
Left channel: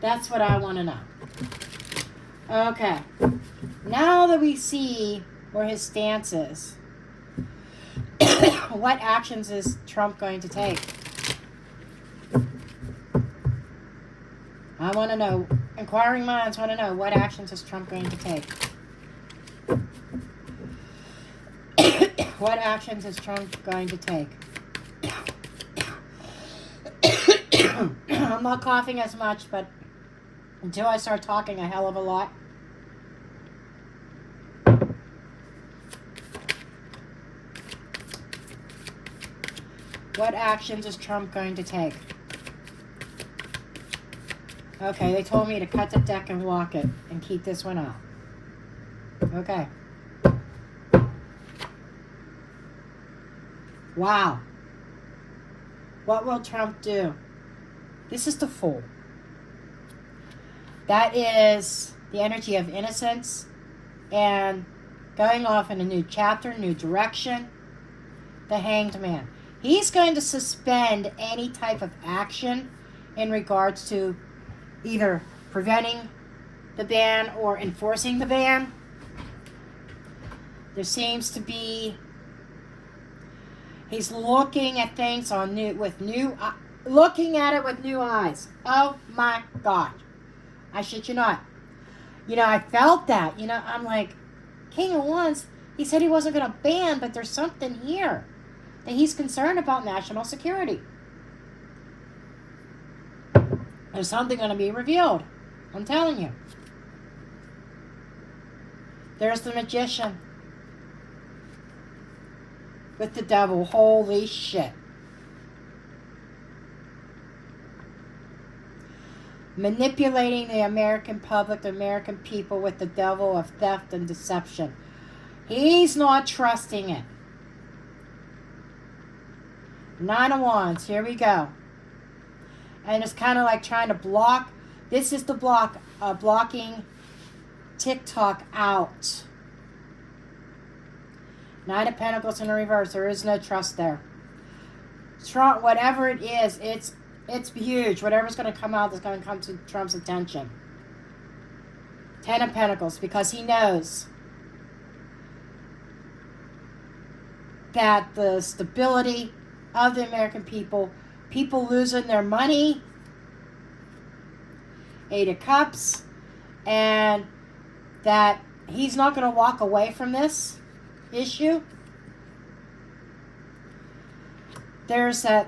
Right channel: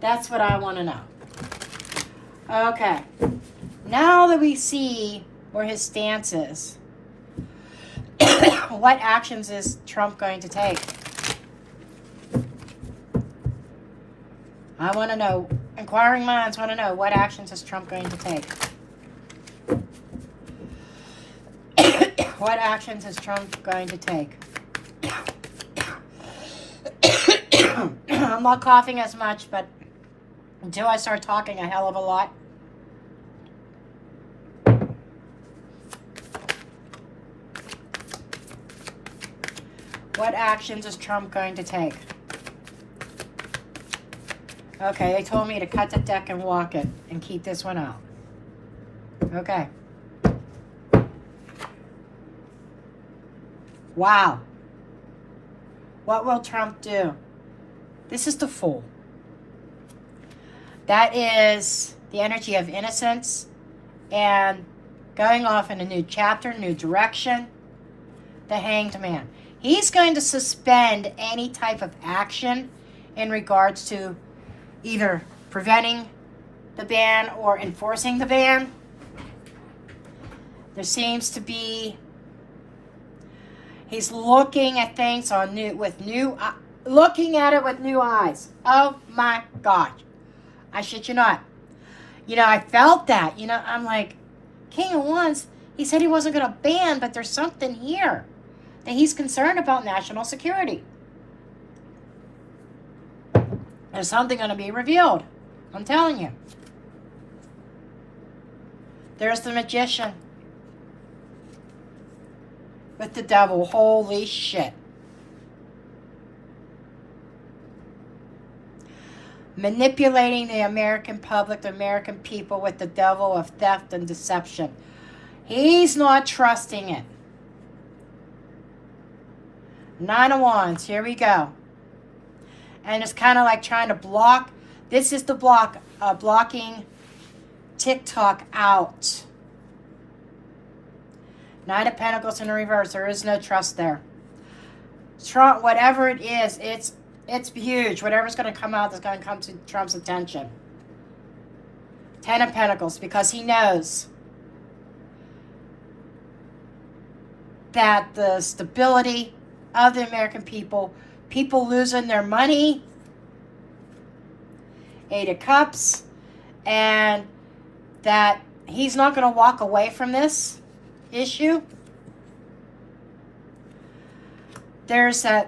That's what I want to know. Okay. Now that we see where his stance is, what actions is Trump going to take? I want to know. Inquiring minds want to know, what actions is Trump going to take? What actions is Trump going to take? I'm not coughing as much, but until I start talking a hell of a lot. What actions is Trump going to take? Okay, they told me to cut the deck and walk it and keep this one out. Okay. Wow. What will Trump do? This is the Fool. That is the energy of innocence and going off in a new chapter, new direction. The Hanged Man. He's going to suspend any type of action in regards to either preventing the ban or enforcing the ban. There seems to be, he's looking at things looking at it with new eyes. Oh my God. I shit you not. I felt that. I'm like, King of Wands, he said he wasn't going to ban, but there's something here that he's concerned about national security. There's something going to be revealed. I'm telling you. There's the Magician with the devil. Holy shit. Manipulating the American public, the American people with the devil of theft and deception. He's not trusting it. Nine of Wands, here we go. And it's kind of like trying to block. This is the blocking TikTok out. Nine of Pentacles in the reverse. There is no trust there. Trump, whatever it is, it's huge. Whatever's going to come out is going to come to Trump's attention. Ten of Pentacles, because he knows that the stability of the American people losing their money. Eight of Cups, and that he's not going to walk away from this issue. There's the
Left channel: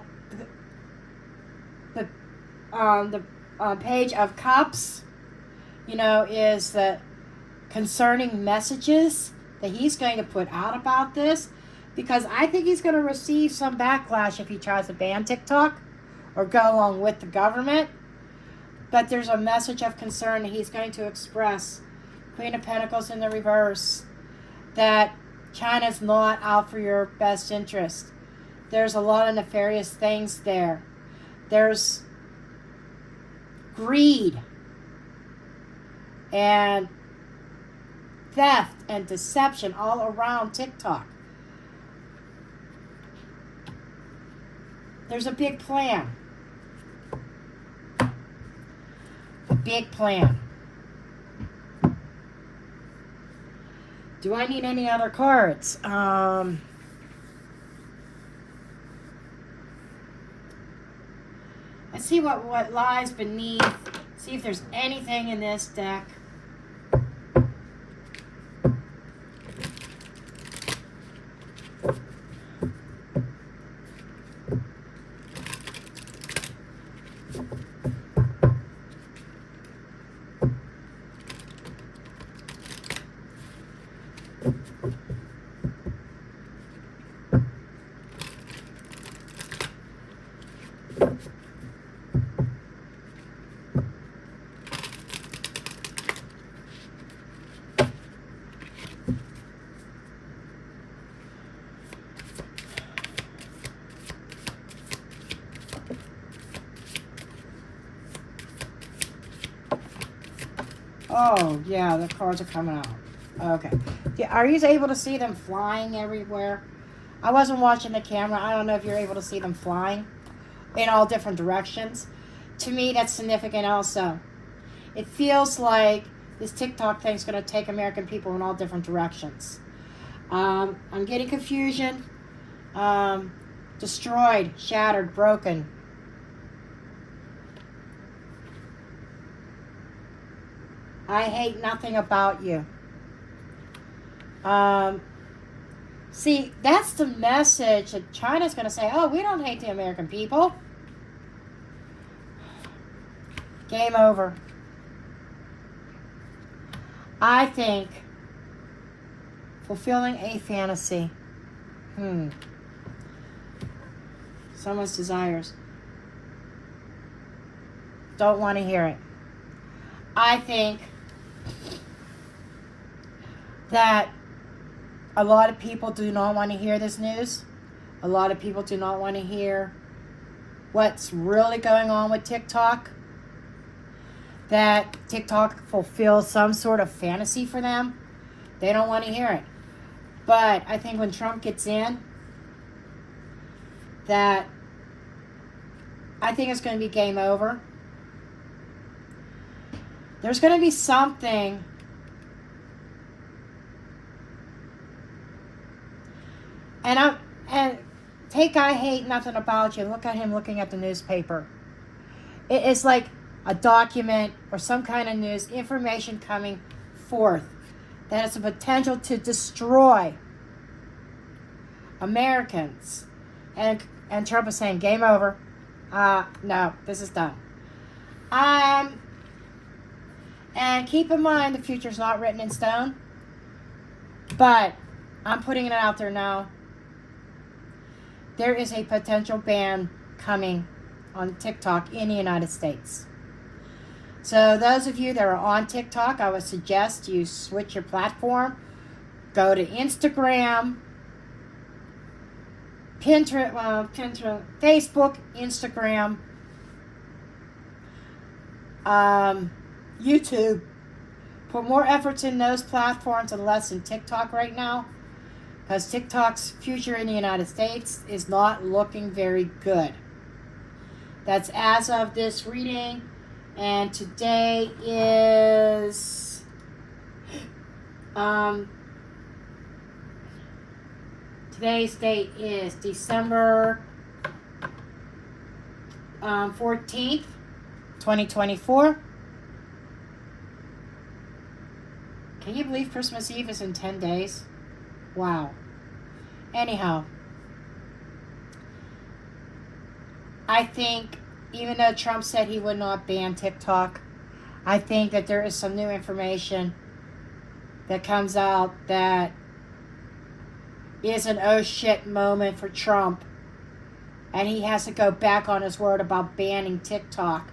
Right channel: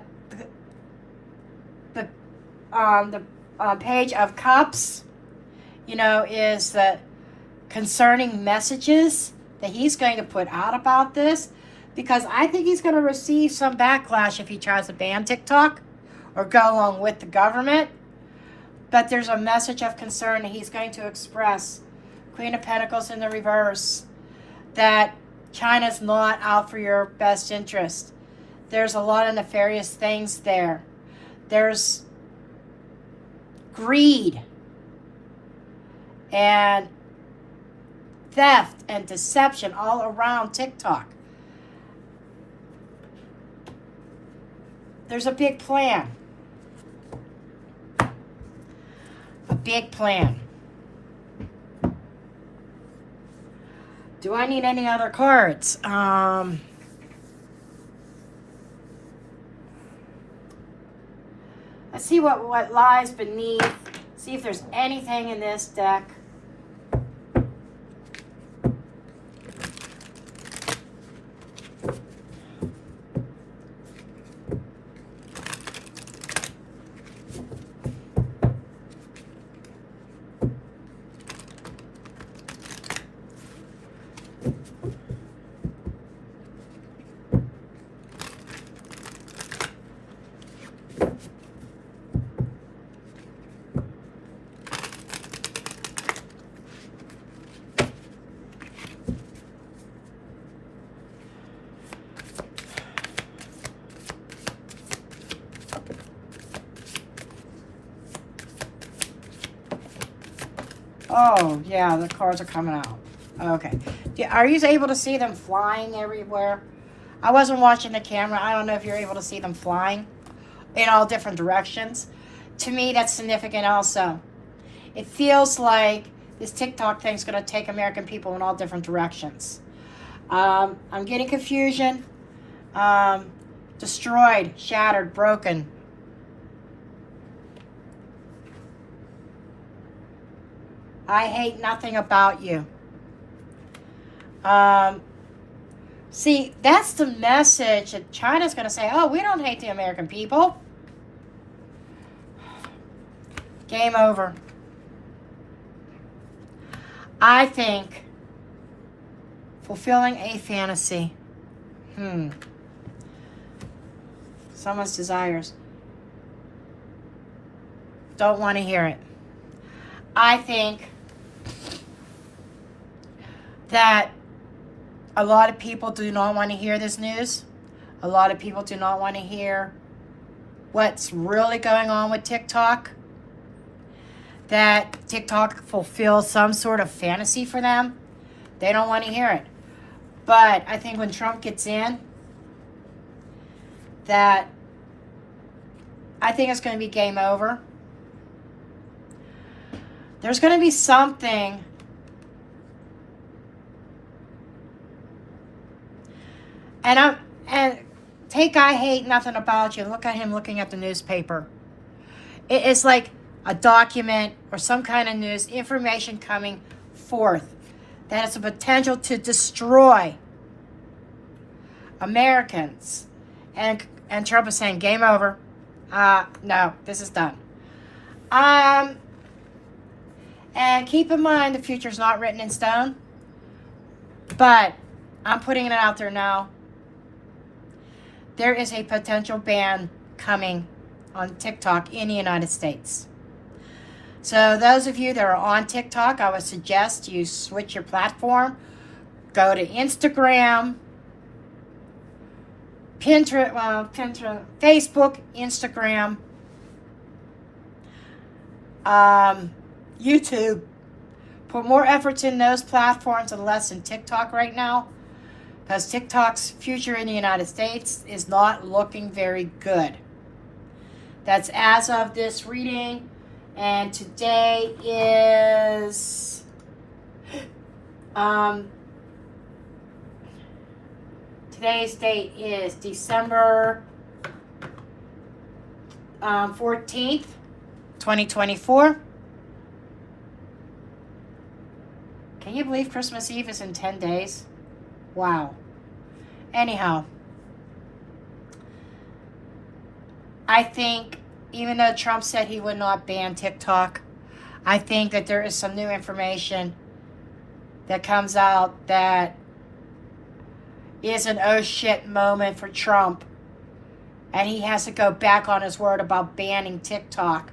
Page of Cups, is the concerning messages that he's going to put out about this, because I think he's going to receive some backlash if he tries to ban TikTok or go along with the government. But there's a message of concern that he's going to express. Queen of Pentacles in the reverse, that China's not out for your best interest. There's a lot of nefarious things there. There's greed and theft and deception all around TikTok. There's a big plan. A big plan. Do I need any other cards? Let's see what lies beneath. See if there's anything in this deck Oh, yeah, the cards are coming out. Okay. Are you able to see them flying everywhere? I wasn't watching the camera. I don't know if you're able to see them flying in all different directions. To me, that's significant also. It feels like this TikTok thing's going to take American people in all different directions. I'm getting confusion. Destroyed, shattered, broken. I hate nothing about you. See, that's the message that China's going to say, oh, we don't hate the American people. Game over. I think fulfilling a fantasy. Someone's desires. Don't want to hear it. I think that a lot of people do not want to hear this news. A lot of people do not want to hear what's really going on with TikTok. That TikTok fulfills some sort of fantasy for them. They don't want to hear it. But I think when Trump gets in, that I think it's going to be game over. There's going to be something and take I hate nothing about you. Look at him looking at the newspaper. It's like a document or some kind of news, information coming forth that has a potential to destroy Americans. And Trump is saying, game over. No, this is done. And keep in mind, the future's not written in stone. But I'm putting it out there now. There is a potential ban coming on TikTok in the United States. So those of you that are on TikTok, I would suggest you switch your platform. Go to Instagram, Pinterest, Facebook, Instagram, YouTube. Put more efforts in those platforms and less in TikTok right now, because TikTok's future in the United States is not looking very good. That's as of this reading, and today is today's date is December 14th, 2024. Can you believe Christmas Eve is in 10 days? Wow. Anyhow, I think even though Trump said he would not ban TikTok, I think that there is some new information that comes out that is an oh shit moment for Trump. And he has to go back on his word about banning TikTok.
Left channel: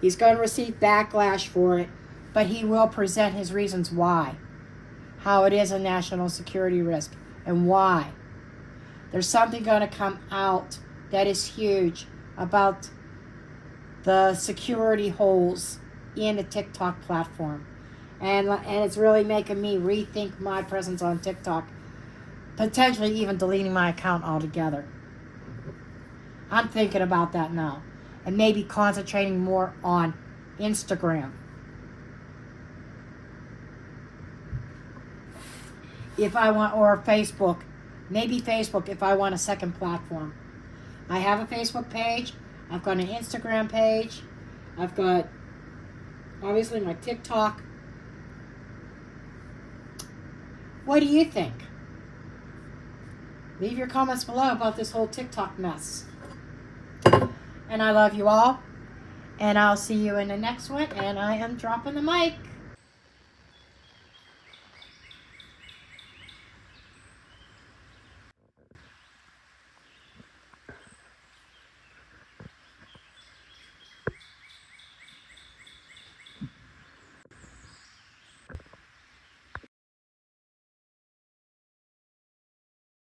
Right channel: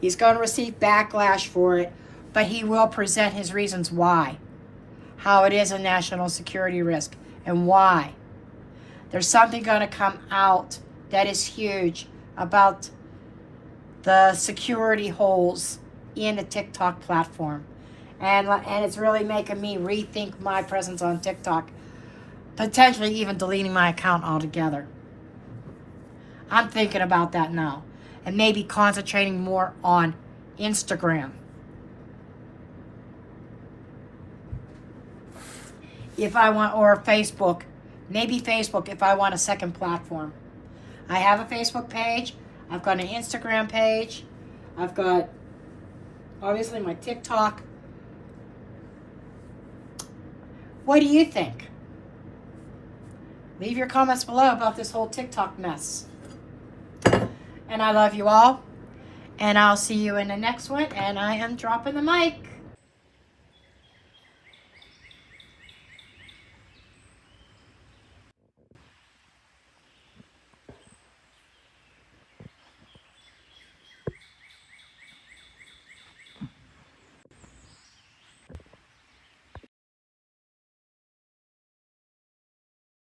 He's going to receive backlash for it, but he will present his reasons why. How it is a national security risk and why. There's something going to come out that is huge about the security holes in the TikTok platform. And it's really making me rethink my presence on TikTok. Potentially even deleting my account altogether. I'm thinking about that now. And maybe concentrating more on Instagram. If I want, or Facebook. Maybe Facebook if I want a second platform. I have a Facebook page. I've got an Instagram page. I've got, obviously, my TikTok. What do you think? Leave your comments below about this whole TikTok mess. And I love you all. And I'll see you in the next one. And I am dropping the mic.